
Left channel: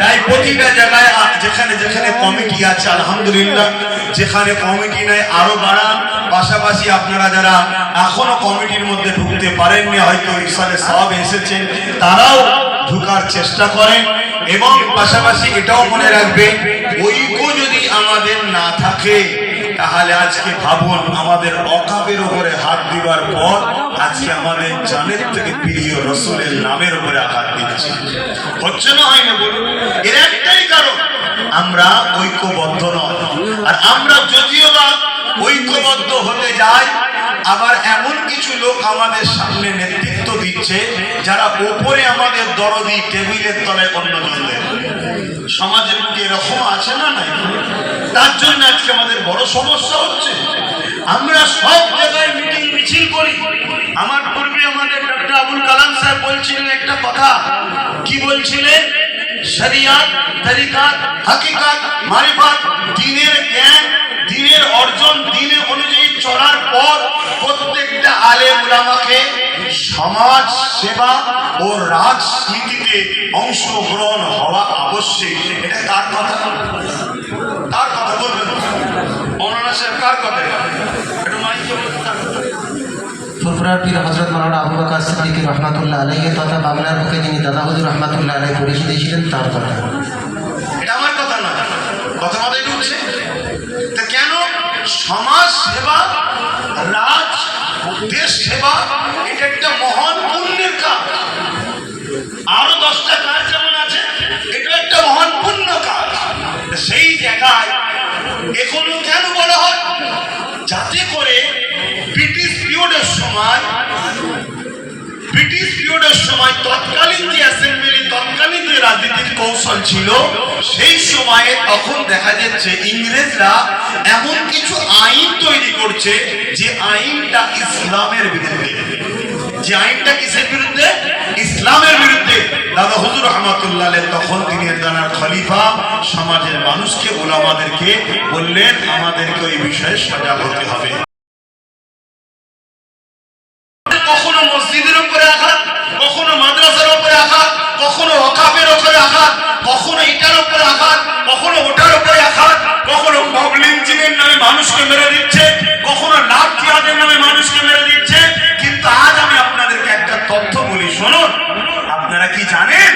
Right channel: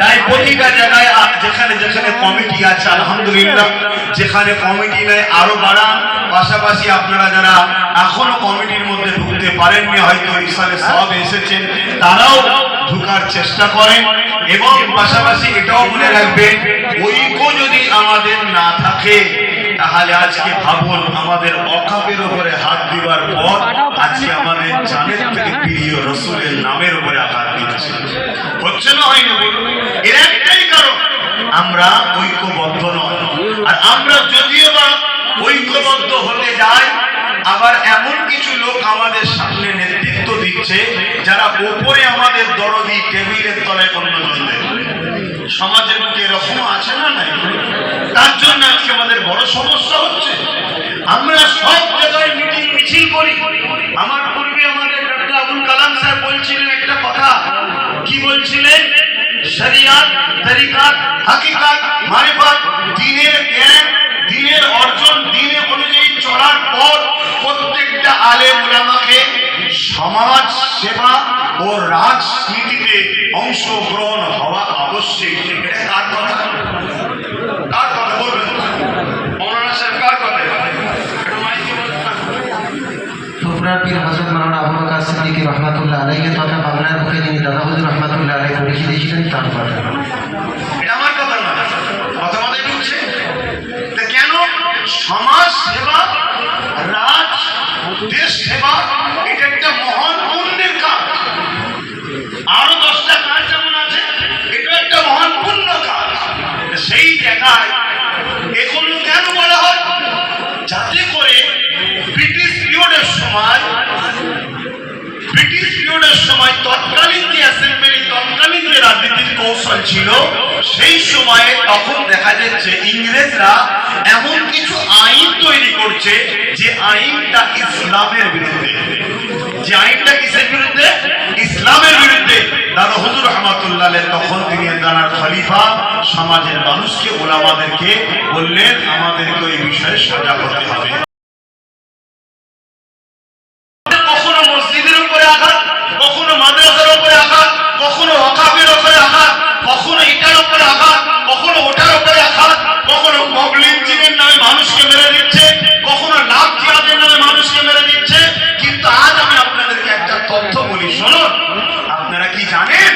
তাই প্রতিটা জায়গায় যেখানে যেখানে কমিটি আছে আলহামদুলিল্লাহ, যেখানে কমিটি নেই আরো বাড়ান। পাশাপাশি আপনারা যারা এখনো কমিটির মধ্যে ঢুকতে পারেননি, হয়তো ইরশাদে সওয়াব এসেছেন, তারাও ঢোকার চেষ্টা করেন। এবং পাশাপাশি এটাও মনে রাখবেন, ঐক্য যদি আমাদের না থাকে তাহলে আজকে ভাবুন, আমাদের অকাবের উপরে হাত দিবার পর আজকে আমাদের জানের থেকে প্রিয় রসুলের নামের উপরে আঘাত দিচ্ছে। হচ্ছে না, হয় না বলুন? এর একটাই কারণ, আমরা ঐক্যবদ্ধ নয়। আর আমরা যদিও বা ঐক্যবদ্ধ হতে যাই, আবার এমন কিছু লোক আমাদের সামনে নেতৃত্ব দিচ্ছে যারা ওপরে আমাদের দরদি, টেবিলের তলায় অন্যজন দেয়। সমাজের মধ্যে এরকম আছে না নাই? তার জন্য আজকে আমাদের বড় সমস্যা হচ্ছে। আমরা সব জায়গায় মিটিং মিছিল করি। আমার পূর্বে আমাদের ডক্টর আবুল কালাম স্যার বলছিলেন একটা কথা, কি বলছিলেন? শরিয়াত, তরিকাত, হাকিকাত, মারিফাত, দ্বীনের জ্ঞান, দ্বীনের অর্জন, দ্বীনের অনুযায়ী চলার পর প্রত্যেকটা আলেম উলামাকে সমাজ সেবা ও রাজনীতিতে অংশগ্রহণ হওয়া আবশ্যক। এটা কার কথা? কার কথা বলবেন? মৌলানা সাহেব কার কথা? ফুরফুরার পীর হযরত মাওলানা আবু বকর সিদ্দিক রহমাতুল্লাহ আলাইহি তথা বাংলার বুকে যিনি দাদা হুজুর রহমাতুল্লাহ আলাইহি পরিচিত ছিলেন তার কথা। এটা আমার কথা না, কথা মাথায় ঢুকছে? তা কেন সমাজ সেবা, রাজ, দেশ সেবা এটা একটা মহান পুণ্যের কাজ। আরো 10টা কাজ যেমন আছে, এটা একটা মহান পুণ্য কাজ। সেই জায়গায় এখনো কেন বলা হয়? যাতে করে ব্রিটিশ পিরিয়ডের সময় তৎকালীন যে অ্যাসেম্বলি, তৎকালীন যে রাজনীতির কৌশল ছিল, সেই সময়ে তখন দেখা যাচ্ছে ইংরেজরা এমন কিছু আইন তৈরি করছে যে আইনটা ইসলামের বিরুদ্ধে। যে আইনটা কিসের বিরুদ্ধে? ইসলামের বিরুদ্ধে। দাদা হুজুর রহমাতুল্লাহ আলাইহি তখন তিনি দানার খলিফা সমাজের মানুষকে, ওলামাদেরকে বললেন, আমাদেরকে ওই বিষয়ে সজাগ হতে হবে। কখনো মসজিদের উপরে আঘাত, কখনো মাদ্রাসার উপরে আঘাত, কখনো ওয়াকাফের উপরে আঘাত, কখনো এটার উপরে আঘাত, কখনো ওটার উপরে আঘাত, কখনো মগলিঞ্জিংয়ের নামে মানুষকে মেরে দিচ্ছে, কখনো লাভ জিহাদের নামে মানুষকে মেরে দিচ্ছে। কিন্তু আজ আমি আপনাদেরকে একটা তথ্য বলি, শুনুন। আপনারা কি জানেন?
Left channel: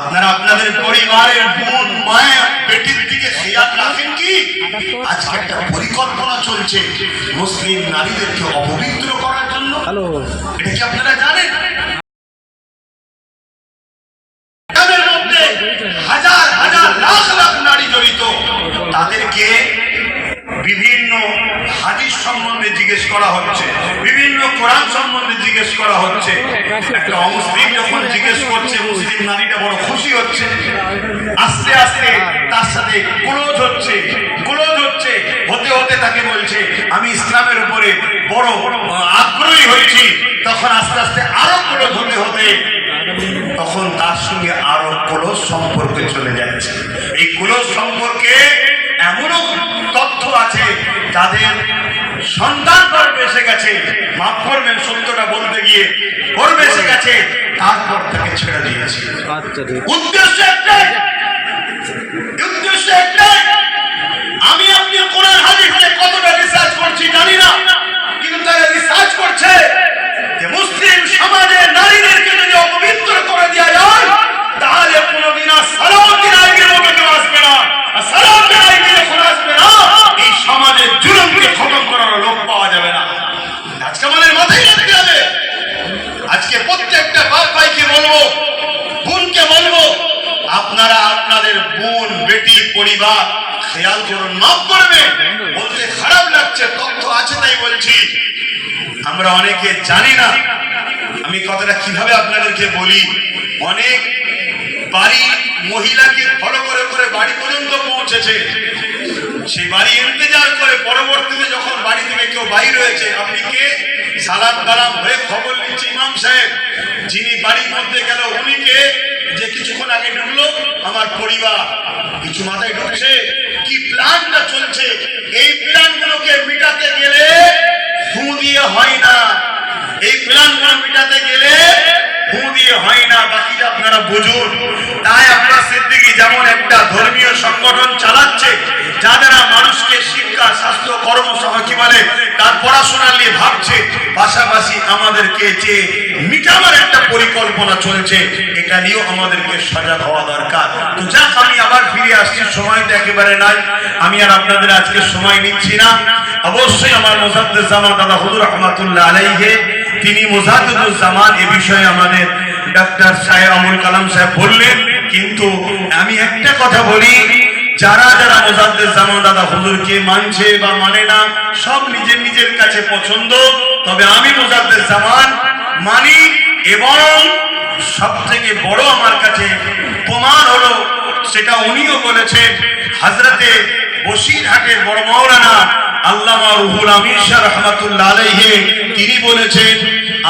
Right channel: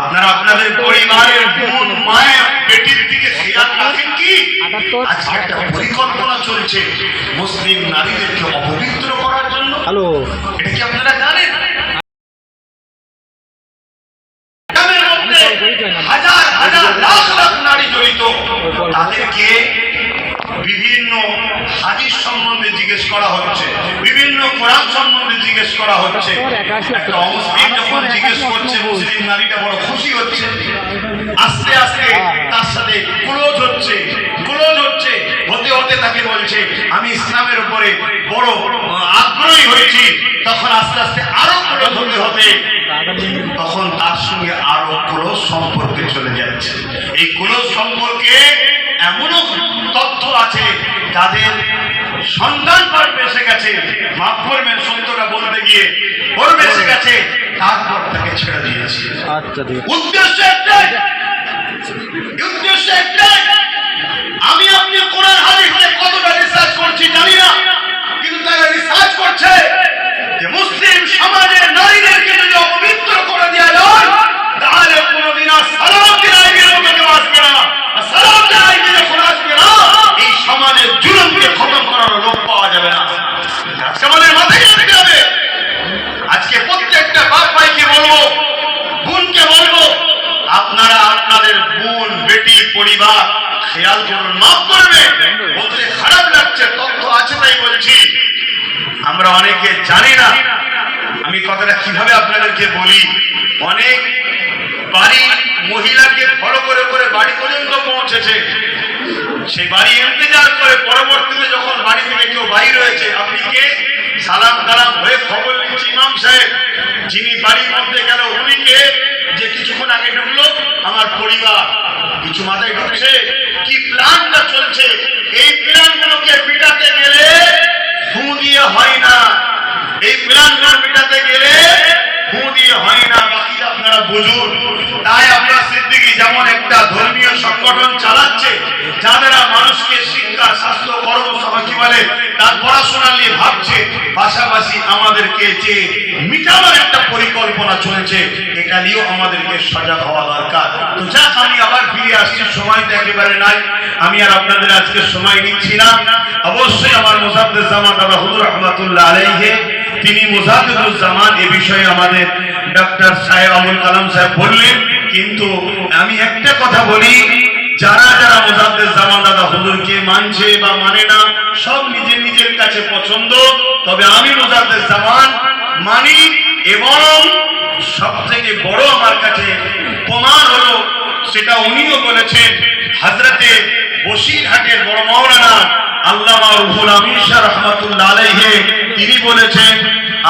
আপনারা আপনাদের পরিবারের বোন, মায়ের, বেটির দিকে খেয়াল রাখেন কি? আজকে একটা পরিকল্পনা চলছে মুসলিম নারীদেরকে অপবিত্র করার জন্য। এটা কি আপনারা জানেন? তাদের মধ্যে হাজার হাজার লাখ লাখ নারী জড়িত। তাদেরকে বিভিন্ন হাদিস সম্বন্ধে জিজ্ঞেস করা হচ্ছে, বিভিন্ন কোরআন সম্বন্ধে জিজ্ঞেস করা হচ্ছে। একটা অমুসলিম যখন জিজ্ঞেস করছে, মুসলিম নারীটা বড় খুশি হচ্ছে। আস্তে আস্তে তার সাথে ক্লোজ হচ্ছে, হতে হতে তাকে বলছে, আমি ইসলামের উপরে বড় আগ্রহী হয়েছি। তখন আস্তে আস্তে আরো ক্লোজ হতে হতে তখন তার সঙ্গে আরো ক্লোজ সম্পর্কে চলে যাচ্ছে। এই ক্লোজ সম্পর্কে এমনও তথ্য আছে যাদের সন্তান গর্ভে এসে গেছে, মাফ করবেন সত্যটা বলতে গিয়ে, গর্ভে এসে গেছে, তারপর তাকে ছেড়ে দিয়েছে। উদ্দেশ্য একটাই, আমি আপনি কোরআন হাদিসে কতটা রিসার্চ করছি জানি না, কিন্তু তারা রিসার্চ করছে যে মুসলিম সমাজে নারীদেরকে যদি অপবিত্র করে দেওয়া যায়, তাহলে কোনোদিন আর সালাউদ্দিন আইবির মতো কেউ আসবে না। আর সালাউদ্দিন আইবি যখন আসবে না, এই সমাজের জুলুমকে খতম করার লোক পাওয়া যাবে না। আজকে আমাদের মাথায় রাখতে হবে। আজকে প্রত্যেকটা বাপ ভাইকে বলবো, বোনকে বলবো, আপনারা আপনাদের বোন, বেটি, পরিবার খেয়াল করুন। মাফ করবে, বলতে খারাপ লাগছে, তথ্য আছে তাই বলছি। আমরা অনেকে জানি না। আমি কথাটা কিভাবে আপনাদেরকে বলি, অনেক বাড়ি মহিলাকে ফলো করে করে বাড়ি পর্যন্ত পৌঁছেছে। সেই বাড়ি ইন্তজার করে পরবর্তীতে যখন বাড়ি থেকে কেউ বাইর হয়েছে, আপনি কে? সালাম কালাম হয়ে খবর নিচ্ছি, ইমাম সাহেব যিনি বাড়ির মধ্যে গেল উনি কে? যে কিছুক্ষণ আগে ঢুকলো, আমার পরিবার। কিছু মাথায় ঢুকছে কি প্ল্যানটা চলছে? এই প্ল্যানগুলোকে মিটাতে গেলে ফু দিয়ে হয় না। এই প্ল্যানগুলো মিটাতে গেলে ফু দিয়ে হয় না। বাকিটা আপনারা বুঝুন। তাই আব্বাস সিদ্দিকী যেমন একটা ধর্মীয় সংগঠন চালাচ্ছে, যারা মানুষকে শিক্ষা, স্বাস্থ্য, কর্মসহ কি বলে তার পড়াশোনা নিয়ে ভাবছে, পাশাপাশি আমাদেরকে যে মিটাবার একটা পরিকল্পনা চলছে, এটা নিয়েও আমাদেরকে সজাগ হওয়া দরকার। তো যাক, আমি আবার ফিরে আসছি, সময় তো একেবারে নাই, আমি আর আপনাদের আজকে সময় নিচ্ছি না। অবশ্যই আমার মুজাদ্দিদ জামান দাদা হুজুর রহমাতুল্লাহ আলাইহি, তিনি মুজাদ্দিদুল জামান এ বিষয়ে আমাদের ডক্টর সাহেব আবুল কালাম সাহেব বললেন। কিন্তু আমি একটা কথা বলি, যারা যারা মুজাদ্দিদ জামান দাদা হুজুরকে মানছে বা মানে না, সব নিজের নিজের কাছে পছন্দ। তবে আমি মুজাদ্দিদ জামান মানি, এবং সব থেকে বড় আমার কাছে প্রমাণ হলো, সেটা উনিও বলেছেন, হযরতে বসিরহাটের বড় মাওলানা আল্লামা রুহুল আমিন শাহ রহমাতুল্লাহ আলাইহি, তিনি বলেছেন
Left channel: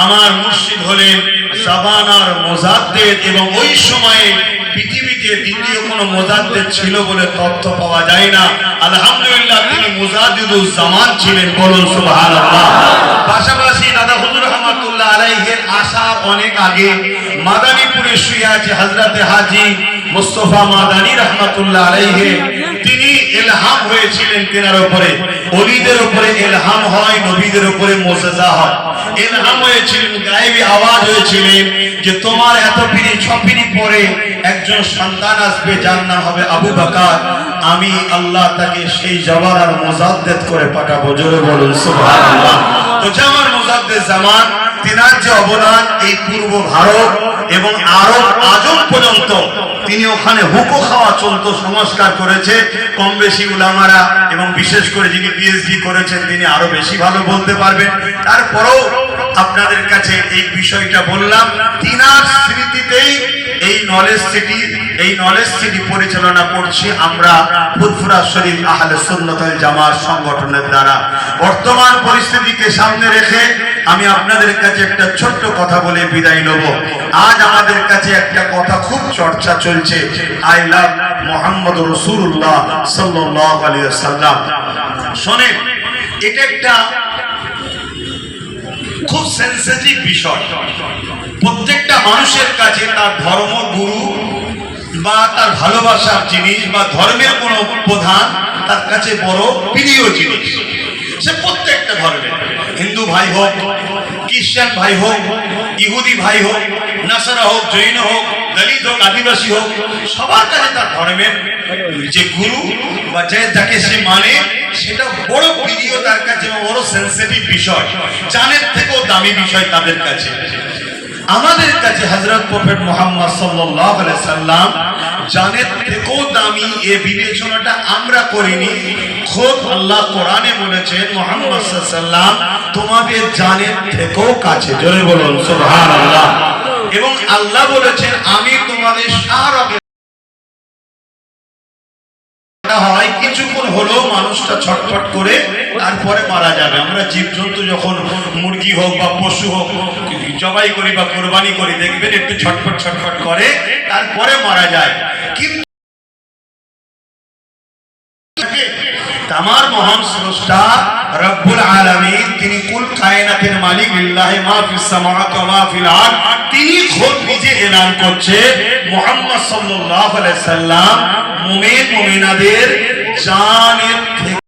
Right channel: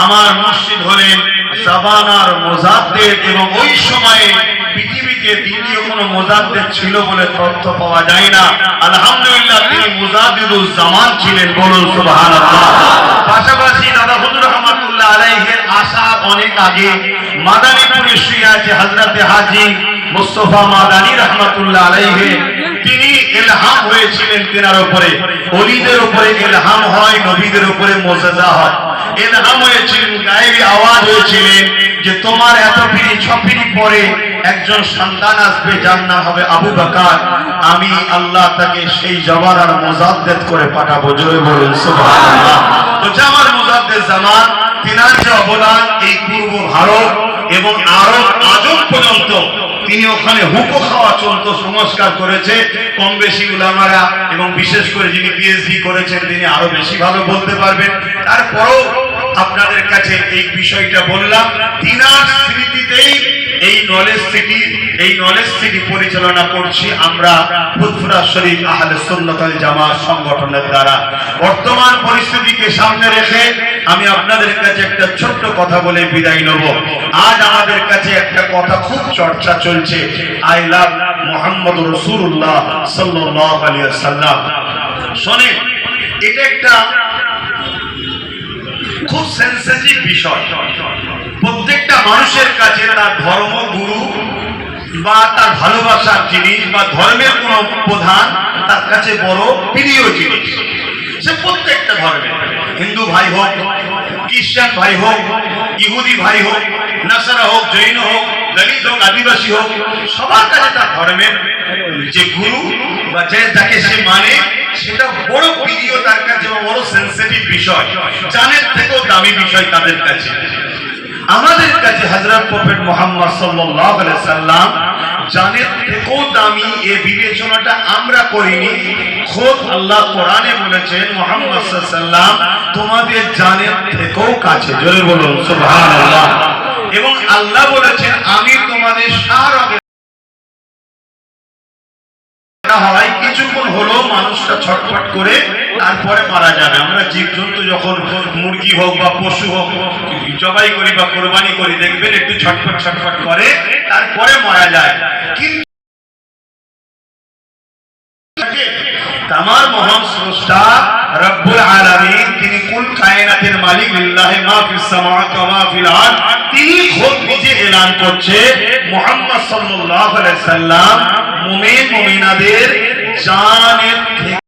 আমার মুর্শিদ হলেন জাবানার মুজাদ্দিদ, এবং ওই সময়ে পৃথিবীতে দ্বিতীয় কোনো মুজাদ্দিদ ছিল বলে তথ্য পাওয়া যায় না। আলহামদুলিল্লাহ, তিনি মুজাদ্দিদুল জামান ছিলেন, বলুন সুবহানাল্লাহ। পাশাপাশি দাদা হুজুর রহমাতুল্লাহ আলাইহির আসার অনেক আগে মাদারীপুরে শুয়ে আছে হযরতে হাজী মুস্তাফা মাদানী রহমাতুল্লাহ আলাইহি, তিনি ইলহাম হয়েছিলেন তেনার উপরে। ওলিদের উপরে ইলহাম হয়, নবীদের উপরে মুজিজা হয়। ইলহাম হয়েছিলেন, গায়েবী আওয়াজ হয়েছিলেন যে তোমার এত পিঁড়ি ছপিড়ি পরে একজন সন্তান আসবে, যার নাম হবে আবু বকর। আমি আল্লাহ তাকে সেই জমানার মুজাদ্দিদ করে পাঠাবো, জোরে বলুন সুবহানাল্লাহ। তো জামার মুজাদ্দিদ জামান, তিনার যে অবদান এই পূর্ব ভারত এবং আরব আজম পর্যন্ত, তিনি ওখানে হুকো খাওয়া চলত, সংস্কার করেছে কম বেশি উলামারা, এবং বিশেষ করে যিনি পিএইচডি করেছেন তিনি আরো বেশি ভালো বলতে পারবেন। তারপরেও আপনাদের কাছে এই বিষয়টা বললাম, তিনার স্মৃতিতেই এই নলেজ সিটি পরিচালনা করছি আমরা ফুরফুরা শরীফ আহলে সুন্নাত ওয়াল জামাত সংগঠনের দ্বারা। বর্তমান পরিস্থিতিকে সামনে রেখে আমি আপনাদের কাছে একটা ছোট্ট কথা বলে বিদায় নেব। আজ আমাদের কাছে একটা কথা খুব চর্চা চলছে, আই লাভ মুহাম্মদ রাসূলুল্লাহ সাল্লাল্লাহু আলাইহি ওয়াসাল্লাম। শুনেন, এটা একটা খুব সেনসিটিভ বিষয়। প্রত্যেকটা মানুষের কাছে তার ধর্মগুরু বা তার ভালোবাসার জিনিস বা ধর্মের কোন প্রধান তার কাছে বড় প্রিয় জিনিস। সে প্রত্যেকটা ধর্মের, হিন্দু ভাই হোক, খ্রিস্টান ভাই হোক, ইহুদি ভাই হোক, নাসারা হোক, জৈন হোক, দলিত হোক, আদিবাসী হোক, সবার কাছে তার ধর্মের যে গুরু বা যাকে সে মানে, সেটা বড় প্রিয় তার কাছে, বড় সেনসিটিভ বিষয়, জানের থেকেও দামি বিষয় তাদের কাছে। আমাদের কাছে হযরত প্রফেট মুহাম্মদ সাল্লাল্লাহু আলাইহি সাল্লাম জানের থেকেও দামি, এই বিবেচনাটা আমরা করিনি। খোদ আল্লাহ কোরআনে বলেছেন মুহাম্মদ সাল্লাল্লাহু আলাইহি সাল্লাম তোমাদের জানের থেকেও কাছে, জোরে বলুন সুবহানাল্লাহ। এবং আল্লাহ বলেছেন আমি তোমাদের সারা হয় কিছুক্ষণ হলো মানুষটা ছটফট করে তারপরে মারা যাবে। আমরা জীবজন্তু যখন মুরগি হোক বা পশু হোক জবাই করি বা কোরবানি করি, দেখবেন একটু ছটফট ছটফট করে তারপরে মারা যায়। কিন্তু তামার মহান স্রষ্টা রব্বুল আলামিন, তিনি কুল কায়নাতের মালিক, লিল্লাহি মা ফিস সামাওয়াতি ওয়া মা ফিল আরদ, তিনি খোদ নিজে এলান করছে মুহাম্মদ সাল্লাল্লাহু আলাইহি সাল্লাম মুমিন মুমিনাদের জানের থেকে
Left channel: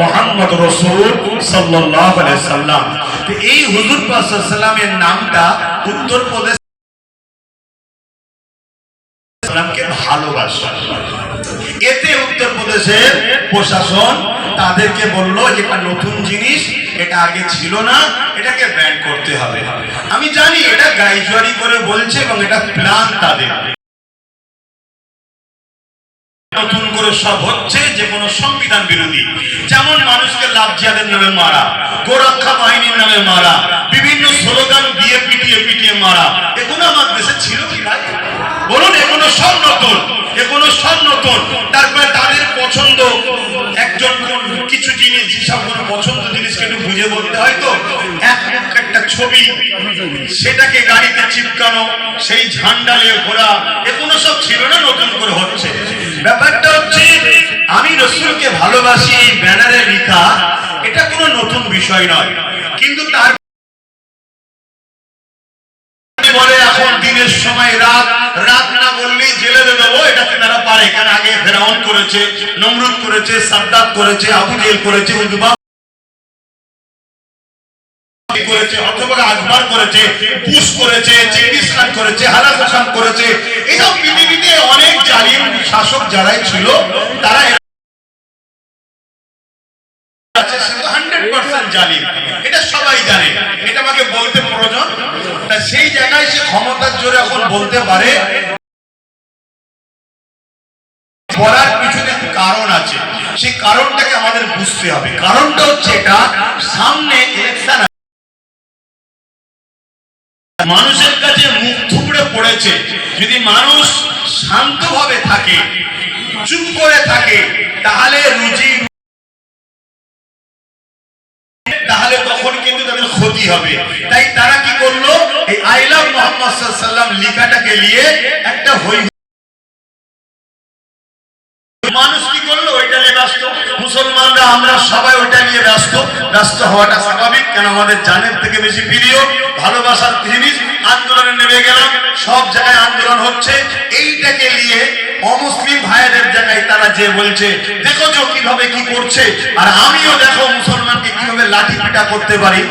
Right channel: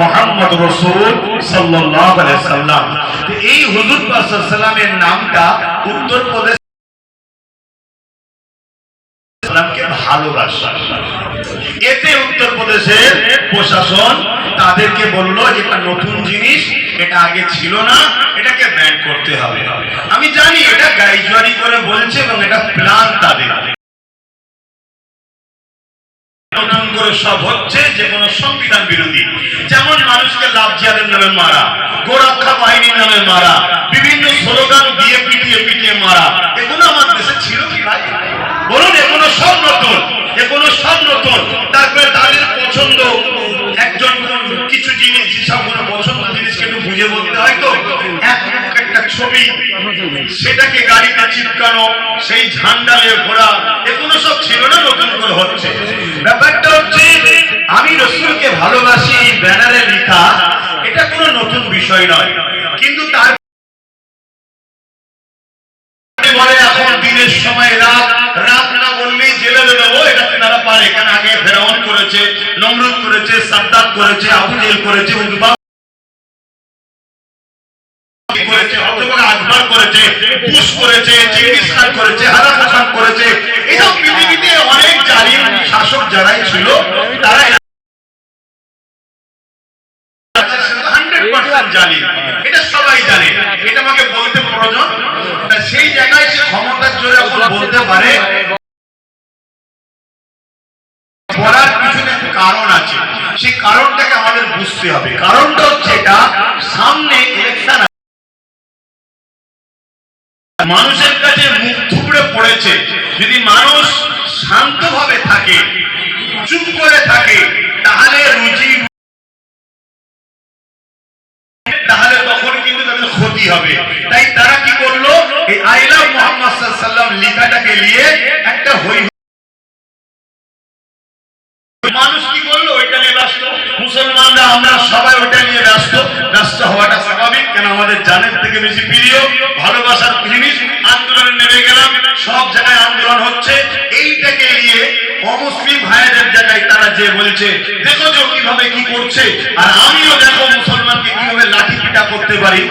মুহাম্মদ রাসূল সাল্লাল্লাহু আলাইহি সাল্লাম। তো এই হুজুর পাক সাল্লাল্লাহু আলাইহি সাল্লামের নামটা উত্তরপ্রদেশ কে ভালোবাসা, এতে উত্তরপ্রদেশের প্রশাসন তাদেরকে বলল এটা নতুন জিনিস, এটা আগে ছিল না, এটাকে ব্যান করতে হবে। আমি জানি এটা গাইজুয়ারি করে বলছে এবং এটা প্ল্যান তাদের, নতুন করে সব হচ্ছে যে কোনো সংবিধান বিরোধী, যেমন মানুষকে লাভ জিহাদের নামে মারা, গোরক্ষা বাহিনীর নামে মারা, বিভিন্ন স্লোগান দিয়ে পিটিয়ে পিটিয়ে মারা, এগুলো আমার দেশে ছিল কি ভাই বলুন? এগুলো সব নতুন, এগুলো সব নতুন। তারপরে তাদের পছন্দ একজন কিছু জিনিস, যেসবগুলো পছন্দ জিনিসকে একটু বুঝে বলতে হয়, তো একটা ছবি সেটাকে গাড়িতে চিপকানো, সেই ঝান্ডা নিয়ে ঘোরা, এগুলো সব ছিল না, নতুন করে হচ্ছে। ব্যাপারটা হচ্ছে আমি রাসূলকে ভালোবাসি এই ব্যানারে লেখা, এটা কোনো নতুন বিষয় নয়। কিন্তু তার বলে এখন দিনের সময় রাত, রাত না বললেই জেলে দেবো, এটা তারা পারে, কারণ আগে ফেরাউন করে করেছে, নমরুদ করেছে, সাদ্দাত করেছে, আবু জেহেল করেছে, উতবা করেছে, অথবা আকবর করেছে, বুশ করেছে, চেঙ্গিস খান করেছে, হারাকো খান করেছে। এইসব পৃথিবীতে অনেক জালিম শাসক যারাই ছিল তারা 100% জালিম, এটা সবাই জানে, এটা আমাকে বলতে প্রয়োজন। সেই জায়গায় সে ক্ষমতার জোরে এখন বলতে পারে, বলার পিছনে কারণ আছে, সেই কারণটাকে আমাদের বুঝতে হবে। কারণটা হচ্ছে এটা, সামনে ইলেকশন, মানুষের কাছে মুখ থুবড়ে পড়েছে। যদি মানুষ শান্তভাবে থাকে, চুপ করে থাকে, তাহলে তখন কিন্তু তাদের ক্ষতি হবে। তাই তারা কি করলো, এই আই লাভ মুহাম্মদ সাল্লাল্লাহু আলাইহি ওয়াসাল্লাম লেখাটাকে নিয়ে একটা মানুষ কি করলো, ওইটা নিয়ে ব্যস্ত। মুসলমানরা আমরা সবাই ওটা নিয়ে ব্যস্ত। ব্যস্ত হওয়াটা স্বাভাবিক, কেন আমাদের জানের থেকে বেশি প্রিয়, ভালোবাসার জিনিস। আন্দোলনে নেমে গেলাম, সব জায়গায় আন্দোলন হচ্ছে। এইটাকে নিয়ে অমুসলিম ভাইদের জায়গায় তারা যে বলছে, দেখো যে কিভাবে কি করছে, আর আমিও দেখো মুসলমানকে কিভাবে লাঠি পিটা করতে পারি।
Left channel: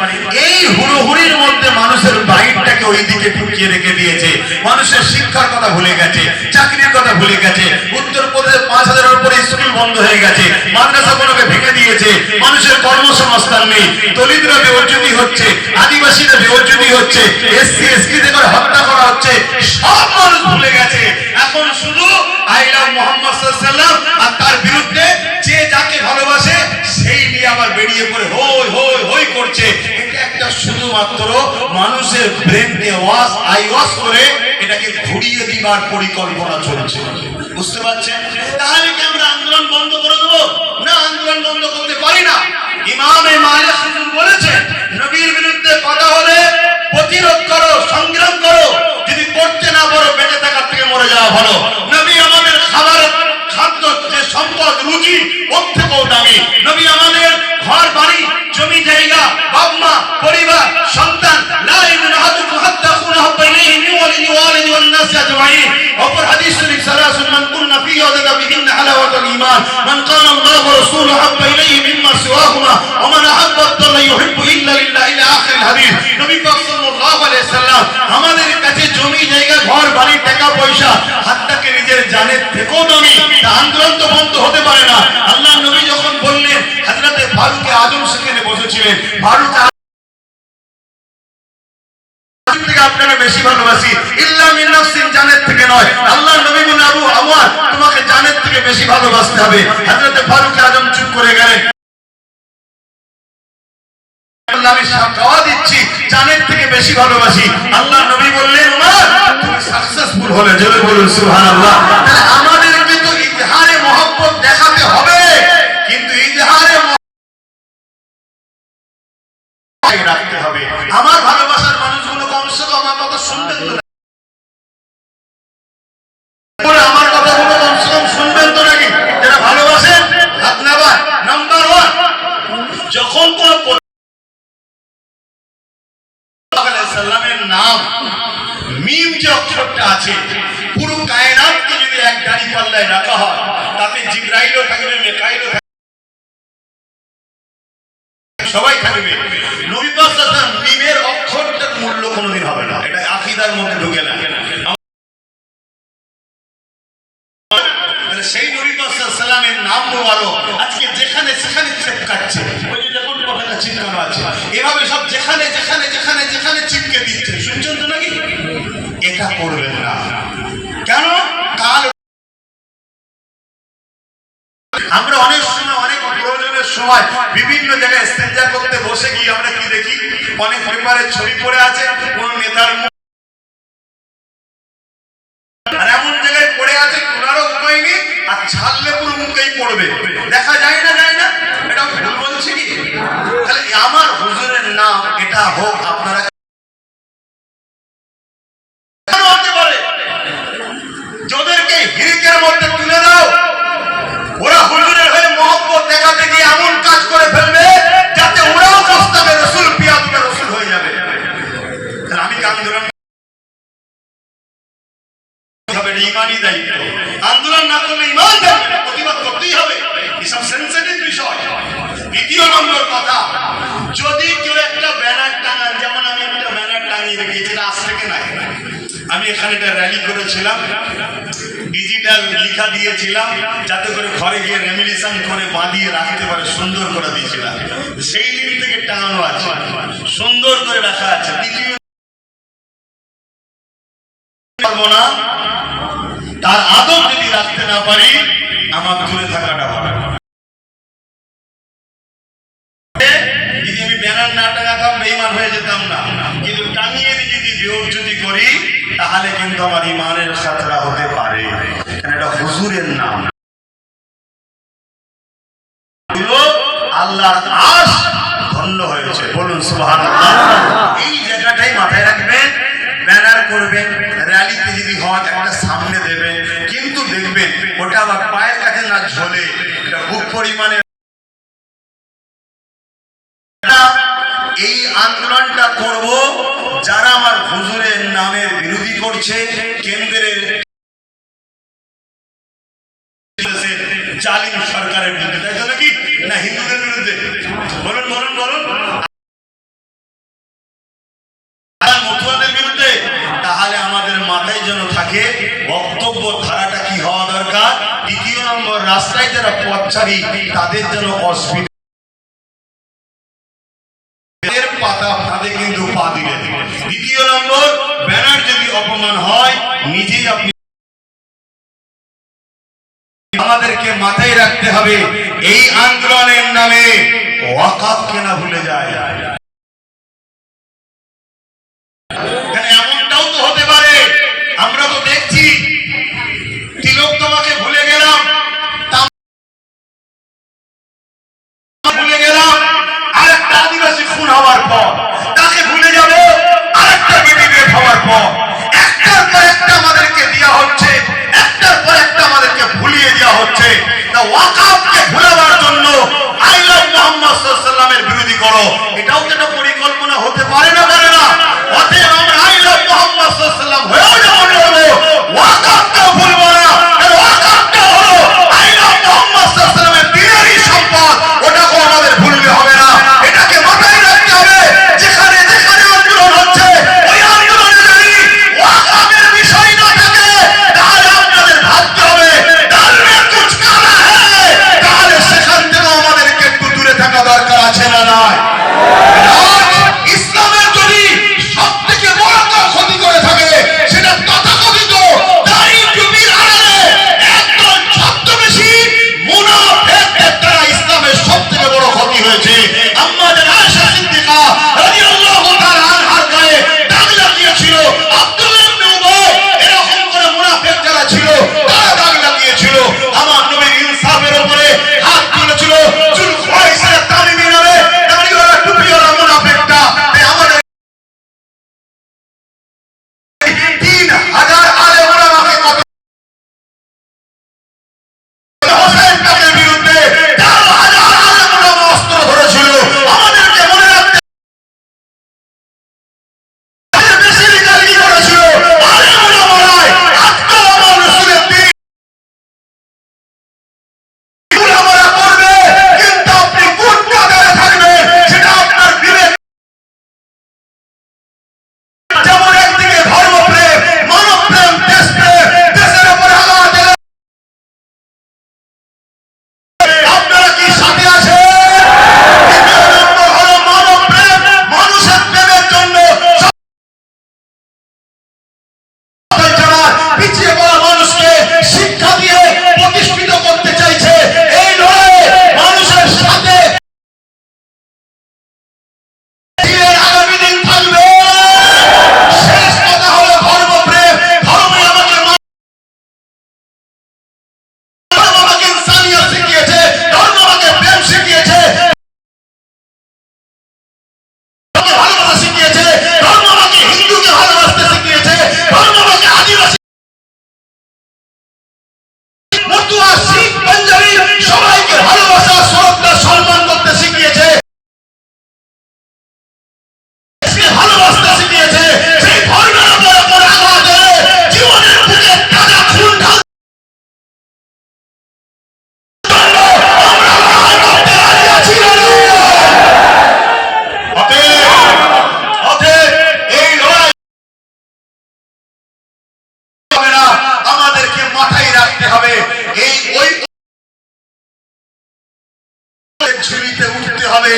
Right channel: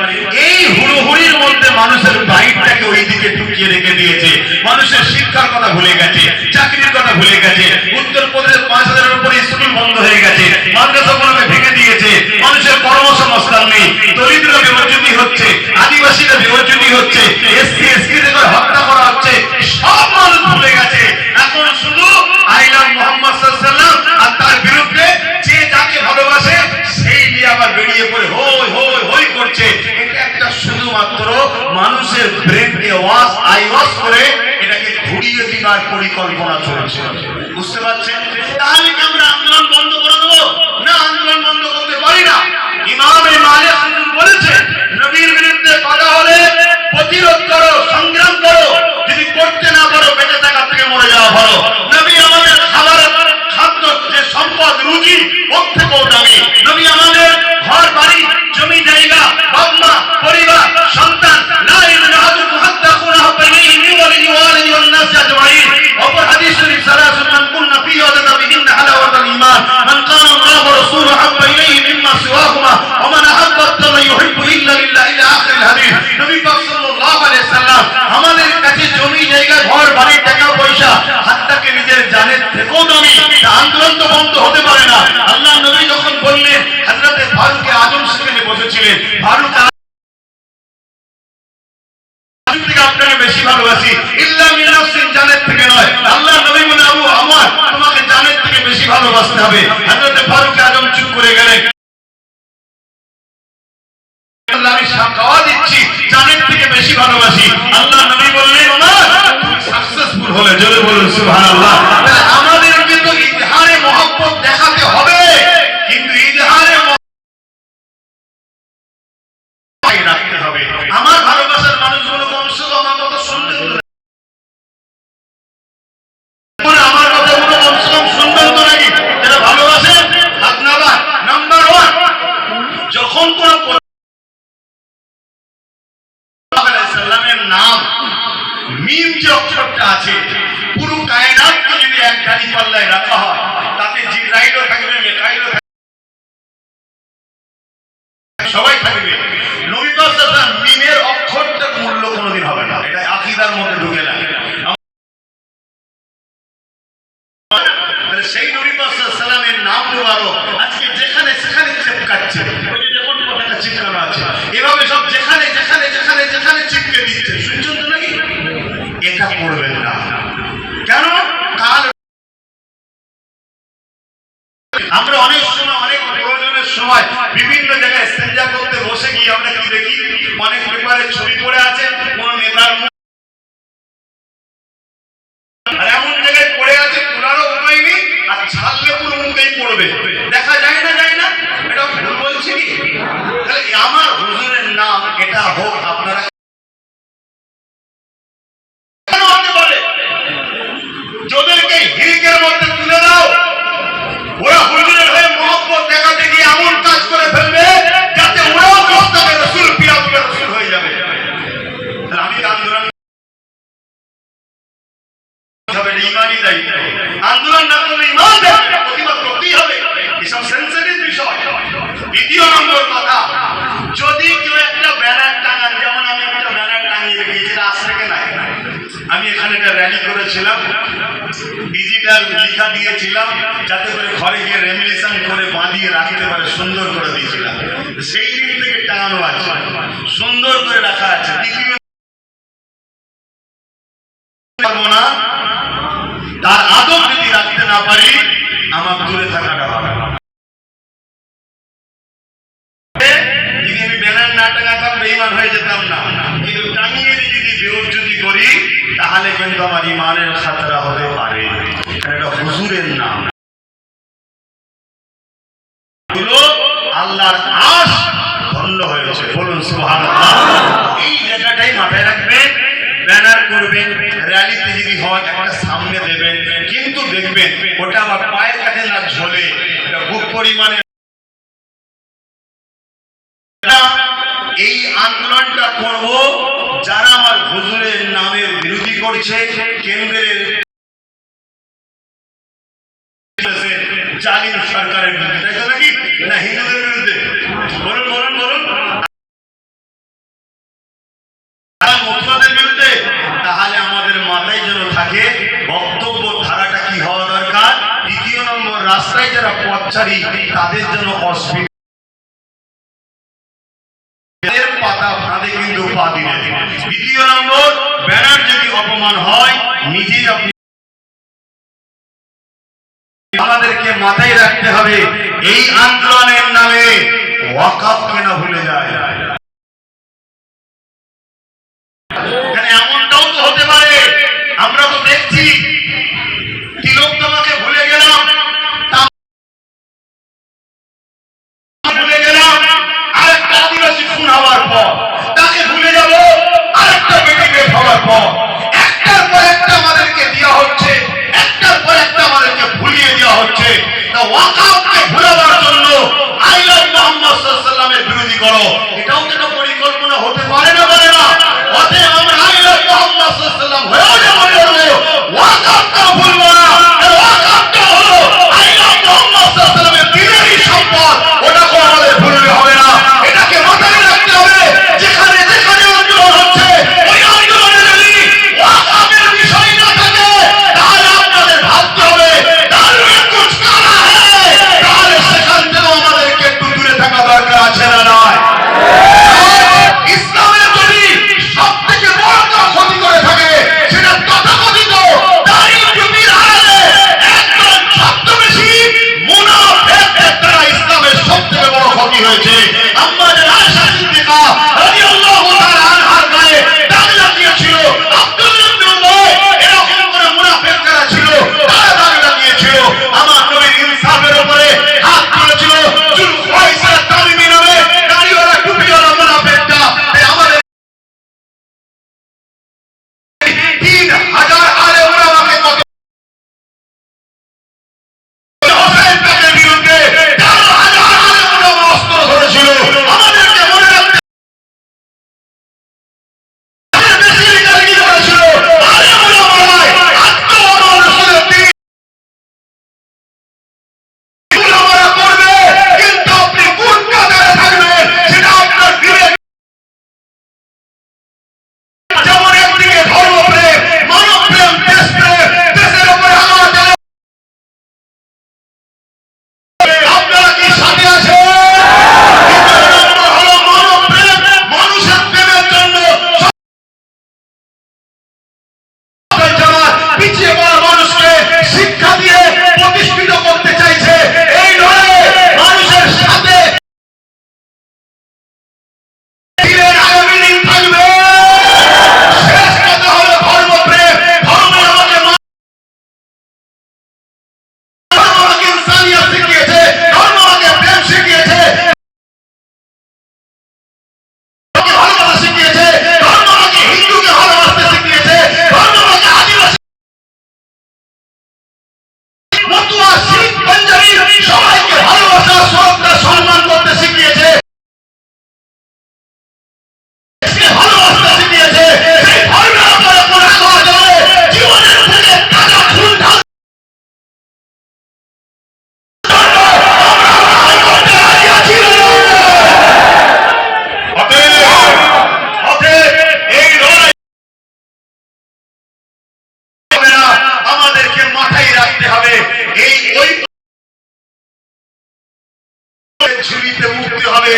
এই হুড়োহুড়ির মধ্যে মানুষের বাইকটাকে ওই দিকে ঢুকিয়ে রেখে দিয়েছে। মানুষের শিক্ষার কথা ভুলে গেছে, চাকরির কথা ভুলে গেছে। উত্তরপ্রদেশে 5000-এর উপরে স্কুল বন্ধ হয়ে গেছে, মাদ্রাসাগুলোকে ভেঙে দিয়েছে। মানুষের কর্মসংস্থান নেই, দলিতরা বেউজ্জতি হচ্ছে, আদিবাসীরা বেউজ্জতি হচ্ছে, এসসি এসটিদের হত্যা করা হচ্ছে। সব মানুষ ভুলে গেছে। এখন শুধু আই লাভ মুহাম্মদ সাল্লাল্লাহু আলাইহি ওয়াসাল্লাম আর তার বিরুদ্ধে যে যাকে ভালোবাসে সেই নিয়ে আবার বেরিয়ে পড়ে হই হই হই করছে। এটা একটা শুধুমাত্র মানুষের ব্রেনকে ওয়াশ করে এটাকে ঘুরিয়ে দিবার পরিকল্পনা চলছে। বুঝতে পারছেন? তাহলে কি আমরা আন্দোলন বন্ধ করে দেবো? না, আন্দোলন বন্ধ করতে পারি না। ইমাম মালিক বলেছেন, নবীর বিরুদ্ধে কথা হলে প্রতিরোধ করো, সংগ্রাম করো। যদি করতে না পারো, বেঁচে থাকার থেকে মরে যাওয়া ভালো। নবী আমাদের খাদ্য যে সম্পদ, রুজি, ওর থেকেও দামি। নবী আমাদের ঘর বাড়ি, জমি জায়গা, বাবা মা, পরিবার, সন্তান, লা ইলাহা ইল্লাল্লাহ হাত্তা কুনহু বাইনাহি মিন ওয়ালিদি ওয়ালিদি ওয়ান নাস আজমাইন। অপর হাদিস শরীফ সালাসুন মান কুননা ফি ওয়াজাদা বিহিন্না হালাওয়াতাল ঈমান মান কানা আল্লাহু ওয়া রাসূলুহু হাব্বা ইলাইহি মিম্মা সিওয়াহুমা ওয়া মান আহাব্বা আল্লাহ ইউহিব্বু ইল্লা লিল্লাহ ইলা আখির হাদিস। নবী পাক সাল্লাল্লাহু আলাইহি সাল্লাম আমাদের কাছে জমি জায়গা, ঘর বাড়ি, টাকা পয়সা, হাত্তাকে নিজের জানের থেকেও দামি। আন্দোলন তো বন্ধ হতে পারে না। আল্লাহ নবী যখন বললেন, হযরতে ফারুক আজম সেখানে বসেছিলেন, ফারুক থেকে আপনারা বেশি ভালোবাসি, ইল্লা মিন নাফসিন, জানের থেকে নয়। আল্লাহ নবী বলেন, আবু আমর, তোমাকে জানের থেকে বেশি ভালোবাসতে হবে। হযরতে ফারুক আজম চুপ করে গেলেন। আমি সাক্ষ্য দিচ্ছি, জানের থেকে বেশি ভালোবাসি। আল্লাহ নবী বললেন, ওমর তুমি সাকসেসফুল হলে জোরে বলুন সুবহানাল্লাহ। তাহলে আমাদের কিন্তু ইজহারে মহব্বত দেখাতে হবে, কিন্তু ইজহারে রাখতে হবে। আমার ভালোবাসার মানুষগুলো কমসে কম আমার কথা শুনবেন তো, আমার কথাগুলো কমসে কম শুনবেন তো নাকি? যারা ভালোবাসেন হাত নামান। নাম্বার 1, যখন কোন সাল্লামের নাম মিম যে অক্ষরটা আছে, পুরো কায়নাতকে যদি এক দাড়ি পাল্লায় রাখা হয়, তাতে জিবরাইলও থাকবে, মিকাইলও থাকবে, সবাই থাকবে। নবী পাক সাল্লাল্লাহু আলাইহি ওয়াসাল্লাম মিমের অক্ষরটার মূল্য কোনোদিন হবে না, এটা আকীদার মধ্যে ঢুকে না। সেই নবী পাক সাল্লাল্লাহু আলাইহি ওয়াসাল্লামের নাম মোবারক আজকে যেখানে সেখানে চিপকাচ্ছে। ওই যে দেখুন পতাকা চিপকানো আছে, এভাবে সব যেখানে যেখানে যেখানে যেখানে চিপকে দিচ্ছে। শুনছেন তো নাকি? এটা করবেন না। কেন? কাল আমরা অনেক সময়, অনেক প্রয়োজনের সময় বিভিন্ন জায়গায় ইস্তেঞ্জা করতে বসে গিয়ে আমরা কি দেখি, অনেক পেপারে ছবি পড়ে আছে কোন নেতার মুখ, আর এমন জায়গায় পড়ে আছে তোলারও উপায় নেই, আর ছাড়লে পুরো মুখেই পড়বে। দেখা যায় না, যায় না? এটা ভুল বলছি কি? তাহলে আমার হুজুরের নাম এটা হোক, আপনারা কেন হতে পারে? যাদেরকে হিরকের মধ্যে তুলে দাও, ওরা হুজুরের হয়ে মহব্বত দেখাতে গিয়ে এমন কাজ করে ফেলবে যাতে ওরাও মোস্তাকে রাসূল, পিয়াতুবে রাসূল হয়ে যাবে। তাহলে আমি আন্দোলন হবে, ইমানি দায়িত্ব। আন্দোলন না করলে ইমান প্রতিবাদ লিখা দিয়েছিলাম যাতে করে ঘরে গিয়ে রেমিনেশন করে বাঁধিয়ে রাখতে পারে, সুন্দর করে দিয়েছিলাম। সেই দিন থেকে টাঙানো আছে, সুন্দর করে রাখা আছে। দ্বিতীয় না, তার আদব যদি রাখতে না পারি আমার দূরে থাকাটা হবে না। যদি আমি ব্যানার না টাঙাতাম বেঈমান হয়ে যেতাম না, কিন্তু টাঙিয়ে যদি বিয়োগ যদি করি তাহলে কিন্তু আমার ইমানের খাতরা হতে পারে। এটা হুজুরের নাম, আল্লাহর আশ ধন্য হয়েছে, বলুন সুবহানাল্লাহ। এই জায়গাটাই মাথায় রাখবেন। ব্যানার করবেন, র্যালিতে যদি হয় একটা সামনে দেবেন, কিন্তু দেখবেন ওটা আবার পায়ের কাছে না ঝোলে, এটা বুক পরিমাণে। এই আন্দোলনটা করব যারা আমার হুজুরের নামের বিরোধী করছে, কেন্দ্রের জালিম সরকারের বিরুদ্ধে, তাই তো নাকি না হিন্দুদের বিরুদ্ধে? বলুন বলুন বলুন, মতুয়াদের বিরুদ্ধে। তাহলে আমাদের মাথায় যেন থাকে বক্তব্য ধারাটা কি হওয়া দরকার। দ্বিতীয় নম্বর, রাস্তায় যারা পথচারী তাদের জন্য অসুবিধা, পাতা ফাঁদে কিন্তু পা দিলেন। দ্বিতীয় নম্বর, ব্যানার যদি অপমান হয় নিজেই আপনি, আমাদেরকে মাথায় রাখতে হবে এই আন্দোলনের নামে ওয়াকাফকে না ভুলে যায়। এমনটাও তো হতে পারে, আমরা তো দেখছি তিলক তোমাকে ভুলে গেলাম, ভুলে গেলাম, আরেকটা আদিবাসী খুন হওয়ার পর তাকে ভুলে যাব, আরেকটা বেটি বের হওয়ার পর একটার পর একটা আমাদেরকে দেওয়া হচ্ছে, একটার পর একটা আমাদেরকে ভুলিয়ে দেওয়া হচ্ছে। তা ওয়াকাফকে ভুলাবার জন্য আই লাভ মুহাম্মদ সাল্লাল্লাহু আলাইহি ওয়াসাল্লামের বিরোধী করো, এটাও তো একটা পরিকল্পনা হতে পারে না, পারে না? অতএব আমরা আই লাভ মুহাম্মদ সাল্লাল্লাহু আলাইহি ওয়াসাল্লাম হয়েও যেমন করবো, ওয়াকাফটাও ভুলবো না। কারণ ওয়াকাফটা হলো আই লাভ মুহাম্মদ সাল্লাল্লাহু আলাইহি ওয়াসাল্লামের দিনেরই সম্পদ, ওটাকেও আমাদের ভুললে হবে না। এটাকে মাথায় রাখতে হবে। যেখানে যেখানে আন্দোলন হচ্ছে ওই আন্দোলনে যদি ওয়াকাফের বিষয় না থাকে তাহলে আপনাদের ভাবতে হবে দারুণ কুছ কানা হ্যায়, তাহলে সেখান থেকেও আমাদেরকে একটু দূরে থাকা দরকার আছে না নয়? ইসলামের যদি সব থেকে বড় ক্ষতি করে থাকে সেটা তথাকথিত দাড়ি টুপির ঝুলিতে উঠতে হবে,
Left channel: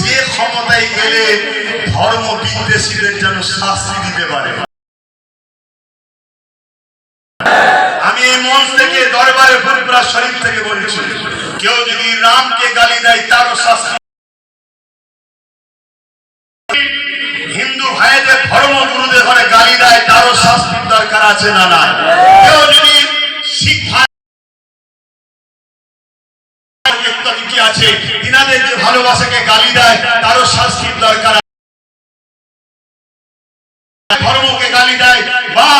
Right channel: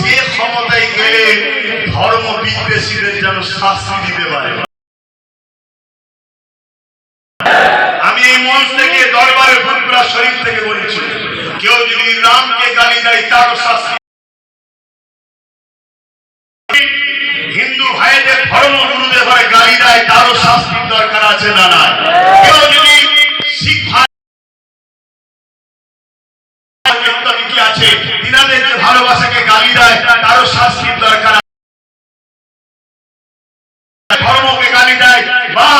যে ক্ষমতায় গেলে ধর্ম বিদ্বেষীদের যেন শাস্তি দিতে পারে। আমি এই মঞ্চ থেকে দরবারে ফুরফুরা শরীফ থেকে বলছি, কেউ যদি রামকে গালি দেয় তারও শাস্তি, হিন্দু ভাইদের ধর্মগুরুদের ঘরে গালি দেয় তারও শাস্তির দরকার আছে না না? কেউ যদি শিখ ভাই আছে ইনাদের যে ভালোবাসাকে গালি দেয় তারও শাস্তির দরকার আছে। ধর্মকে গালি দেয় বা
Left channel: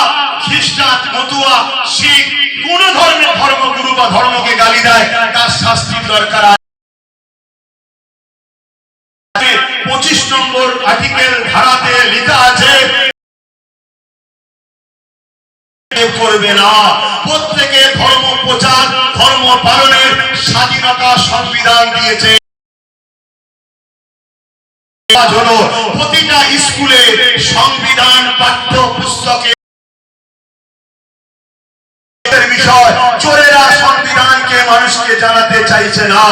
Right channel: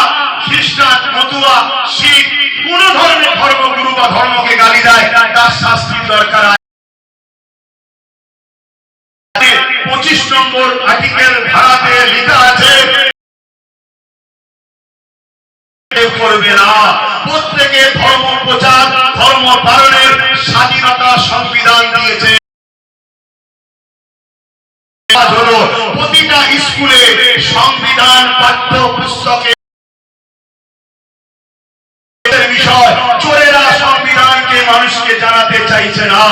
খ্রিস্টান, মতুয়া, শিখ কোন ধর্মের ধর্মগুরু বা ধর্মকে গালি দেয় তার শাস্তির দরকার আছে। 25 নম্বর আর্টিকেল ধারাতে লেখা আছে করবে না, প্রত্যেকে ধর্ম প্রচার, ধর্ম পালনের স্বাধীনতা সংবিধান দিয়েছে। হলো প্রতিটা স্কুলে সংবিধান পাঠ্য পুস্তকে বিষয়, চোরেরা সংবিধানকে মানুষকে জানাতে চাইছে না।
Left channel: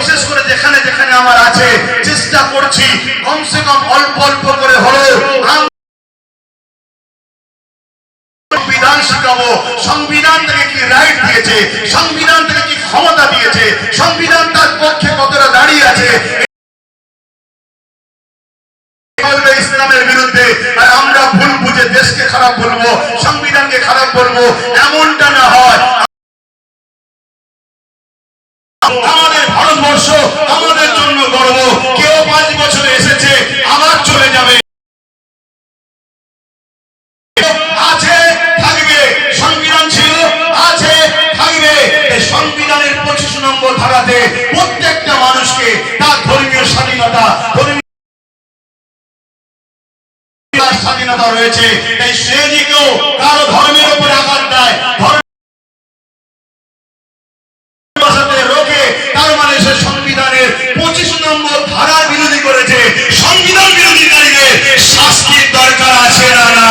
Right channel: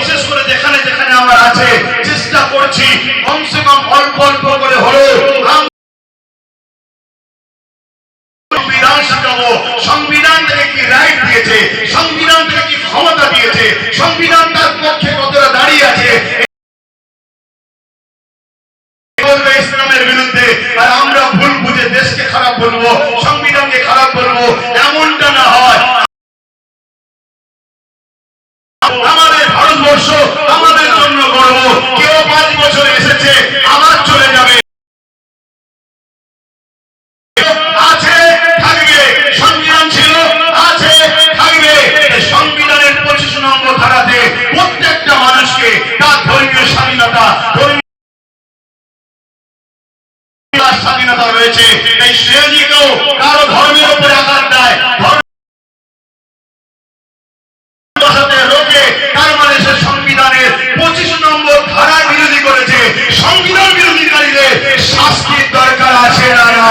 বিশেষ করে যেখানে যেখানে আমার আছে চেষ্টা করছি কমসে কম অল্প অল্প করে হলো সংবিধান শিখাবো। সংবিধান থেকে কি রাইট দিয়েছে, সংবিধান থেকে কি ক্ষমতা দিয়েছে, সংবিধান তার পক্ষে কতটা দাঁড়িয়ে আছে, বলবে ইসলামের বিরুদ্ধে আর আমরা ভুল বুঝে দেশকে খারাপ বলবো, সংবিধানকে খারাপ বলবো, এমনটা না হয়। আমাদের ভারতবর্ষ আমাদের জন্য গর্ব। কেউ 5 বছরে এসেছে আবার চলে যাবে, আছে থাকবে, সংবিধান ছিল আছে থাকবে। সংবিধানের 25 নম্বর ধারাতে প্রত্যেকটা মানুষকে তার ধর্মীয় স্বাধীনতা, স্বাধীনতা রয়েছে। তাই সে যে কেউ কারো ধর্মের উপরে আঘাত দেয়, রোকে, তার মানে সে সংবিধানের 25 নম্বর ধারার বিরোধী করেছে। সংবিধান বিরোধীকারীদের শাস্তির দরকার আছে না না?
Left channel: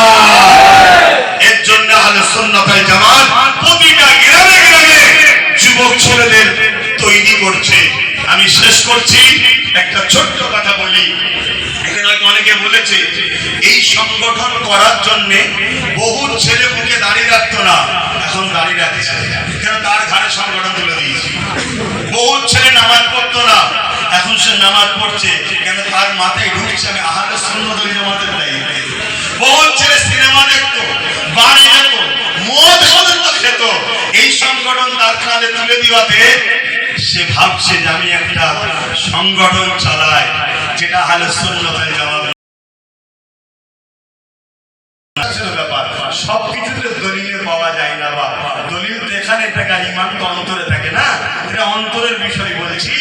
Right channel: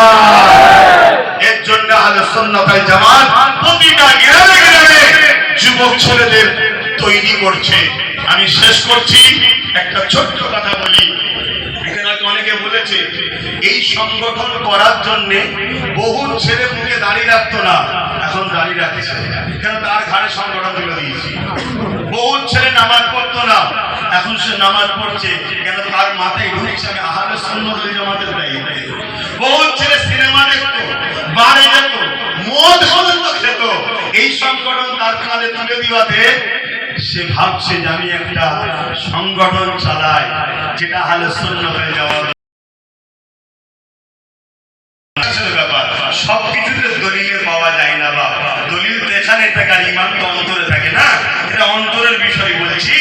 এর জন্য আহলে সুন্নাত ওয়াল জামাত প্রতিটা গ্রামে গ্রামে যুবক ছেলেদের তৈরি করছে। আমি শেষ করছি, একটা ছোট্ট কথা বলি। অনেকে বলেছে এই সংগঠন করার জন্য বহু ছেলে মুখে দাঁড়িয়ে রাখতো না, এখন দাঁড়িয়ে রাখছে। কেন? তার ঘাড়ে সংগঠন তুলে দিয়েছে। বহু ছেলে নামাজ পড়তো না, এখন সে নামাজ পড়ছে। কেন? তার মাথায় ঢুকছে আমি আহলে সুন্নাত ওয়াল জামাতের দায়িত্ব। বহু ছেলে সিনেমা দেখতো, বারে যেত, মদ পর্যন্ত খেত। এই সংগঠন তার কাঁধে তুলে দেওয়াতে সে ভাবছে যে আমি একটা সংগঠন চালাই, যেটা আহলে সুন্নাত ওয়াল জামাত। ব্যাপার সবকিছুতে দলিলে পাওয়া যায় না, বা দলিল তো এখানে থাকে, ইমান তো অন্তরে থাকে না। এটা অন্তরের বিষয় বলছি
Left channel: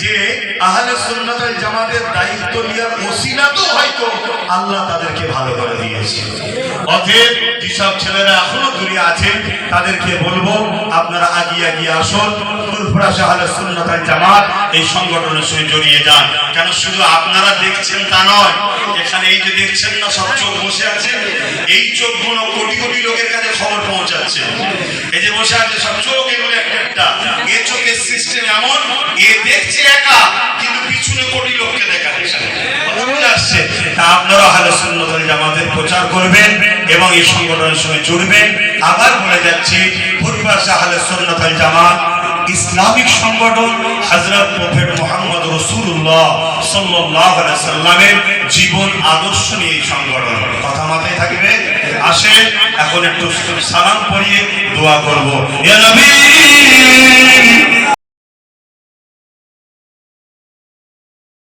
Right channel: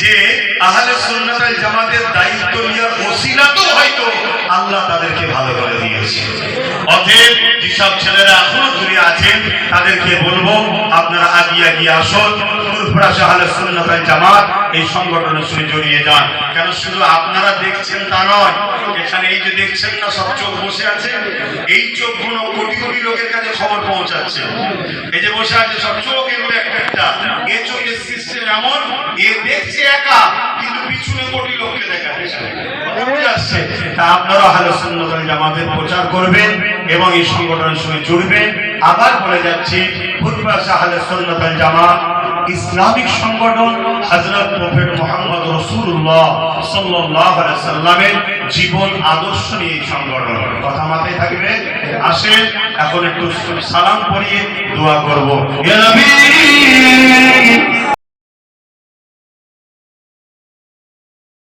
যে আহলে সুন্নাত ওয়াল জামাতের দায়িত্ব নেওয়ার ওসিলা তো হয়তো আল্লাহ তাদেরকে ভালো করে দিয়েছে। অতএব যেসব ছেলেরা এখনো দূরে আছেন তাদেরকে বলবো আপনারা আগিয়ে আগিয়ে আসুন, ফুরফুরা আহলে সুন্নাত ওয়াল জামাত এই সংগঠনের সঙ্গে জড়িয়ে যান। কেন শুধু আপনারা দেখছেন তা নয়, এখানে এই যে দেখছেন না সব চোখ বসে আছে, এই চোখগুলো কোটি কোটি লোকের কাছে খবর পৌঁছাচ্ছে। এই যে বসে আছে সব চোখ, এগুলো একটা একটা, এ চোখের সিস্টেম এমন, এ দেখছে একা কিন্তু পিছনে কোটি লোককে দেখাচ্ছে। আসছে তা আপনারা আহলে সুন্নাত ওয়াল জামাতের প্রচার করবেন এবং এই সংগঠনের সঙ্গে জুড়বেন। আবার বলে যাচ্ছি, ফুরফুরা আহলে সুন্নাত ওয়াল জামাত ইসলামিক সংগঠন হযরত প্রফেট মুহাম্মদ রাসূলুল্লাহ সাল্লাল্লাহু আলাইহি সাল্লামের জীবন আদর্শ নিয়ে এই সংগঠন। কথা মাথায় থাকবে। আসেন এখন একটু সালাম পড়িয়ে দোয়া করব। ইয়া নবী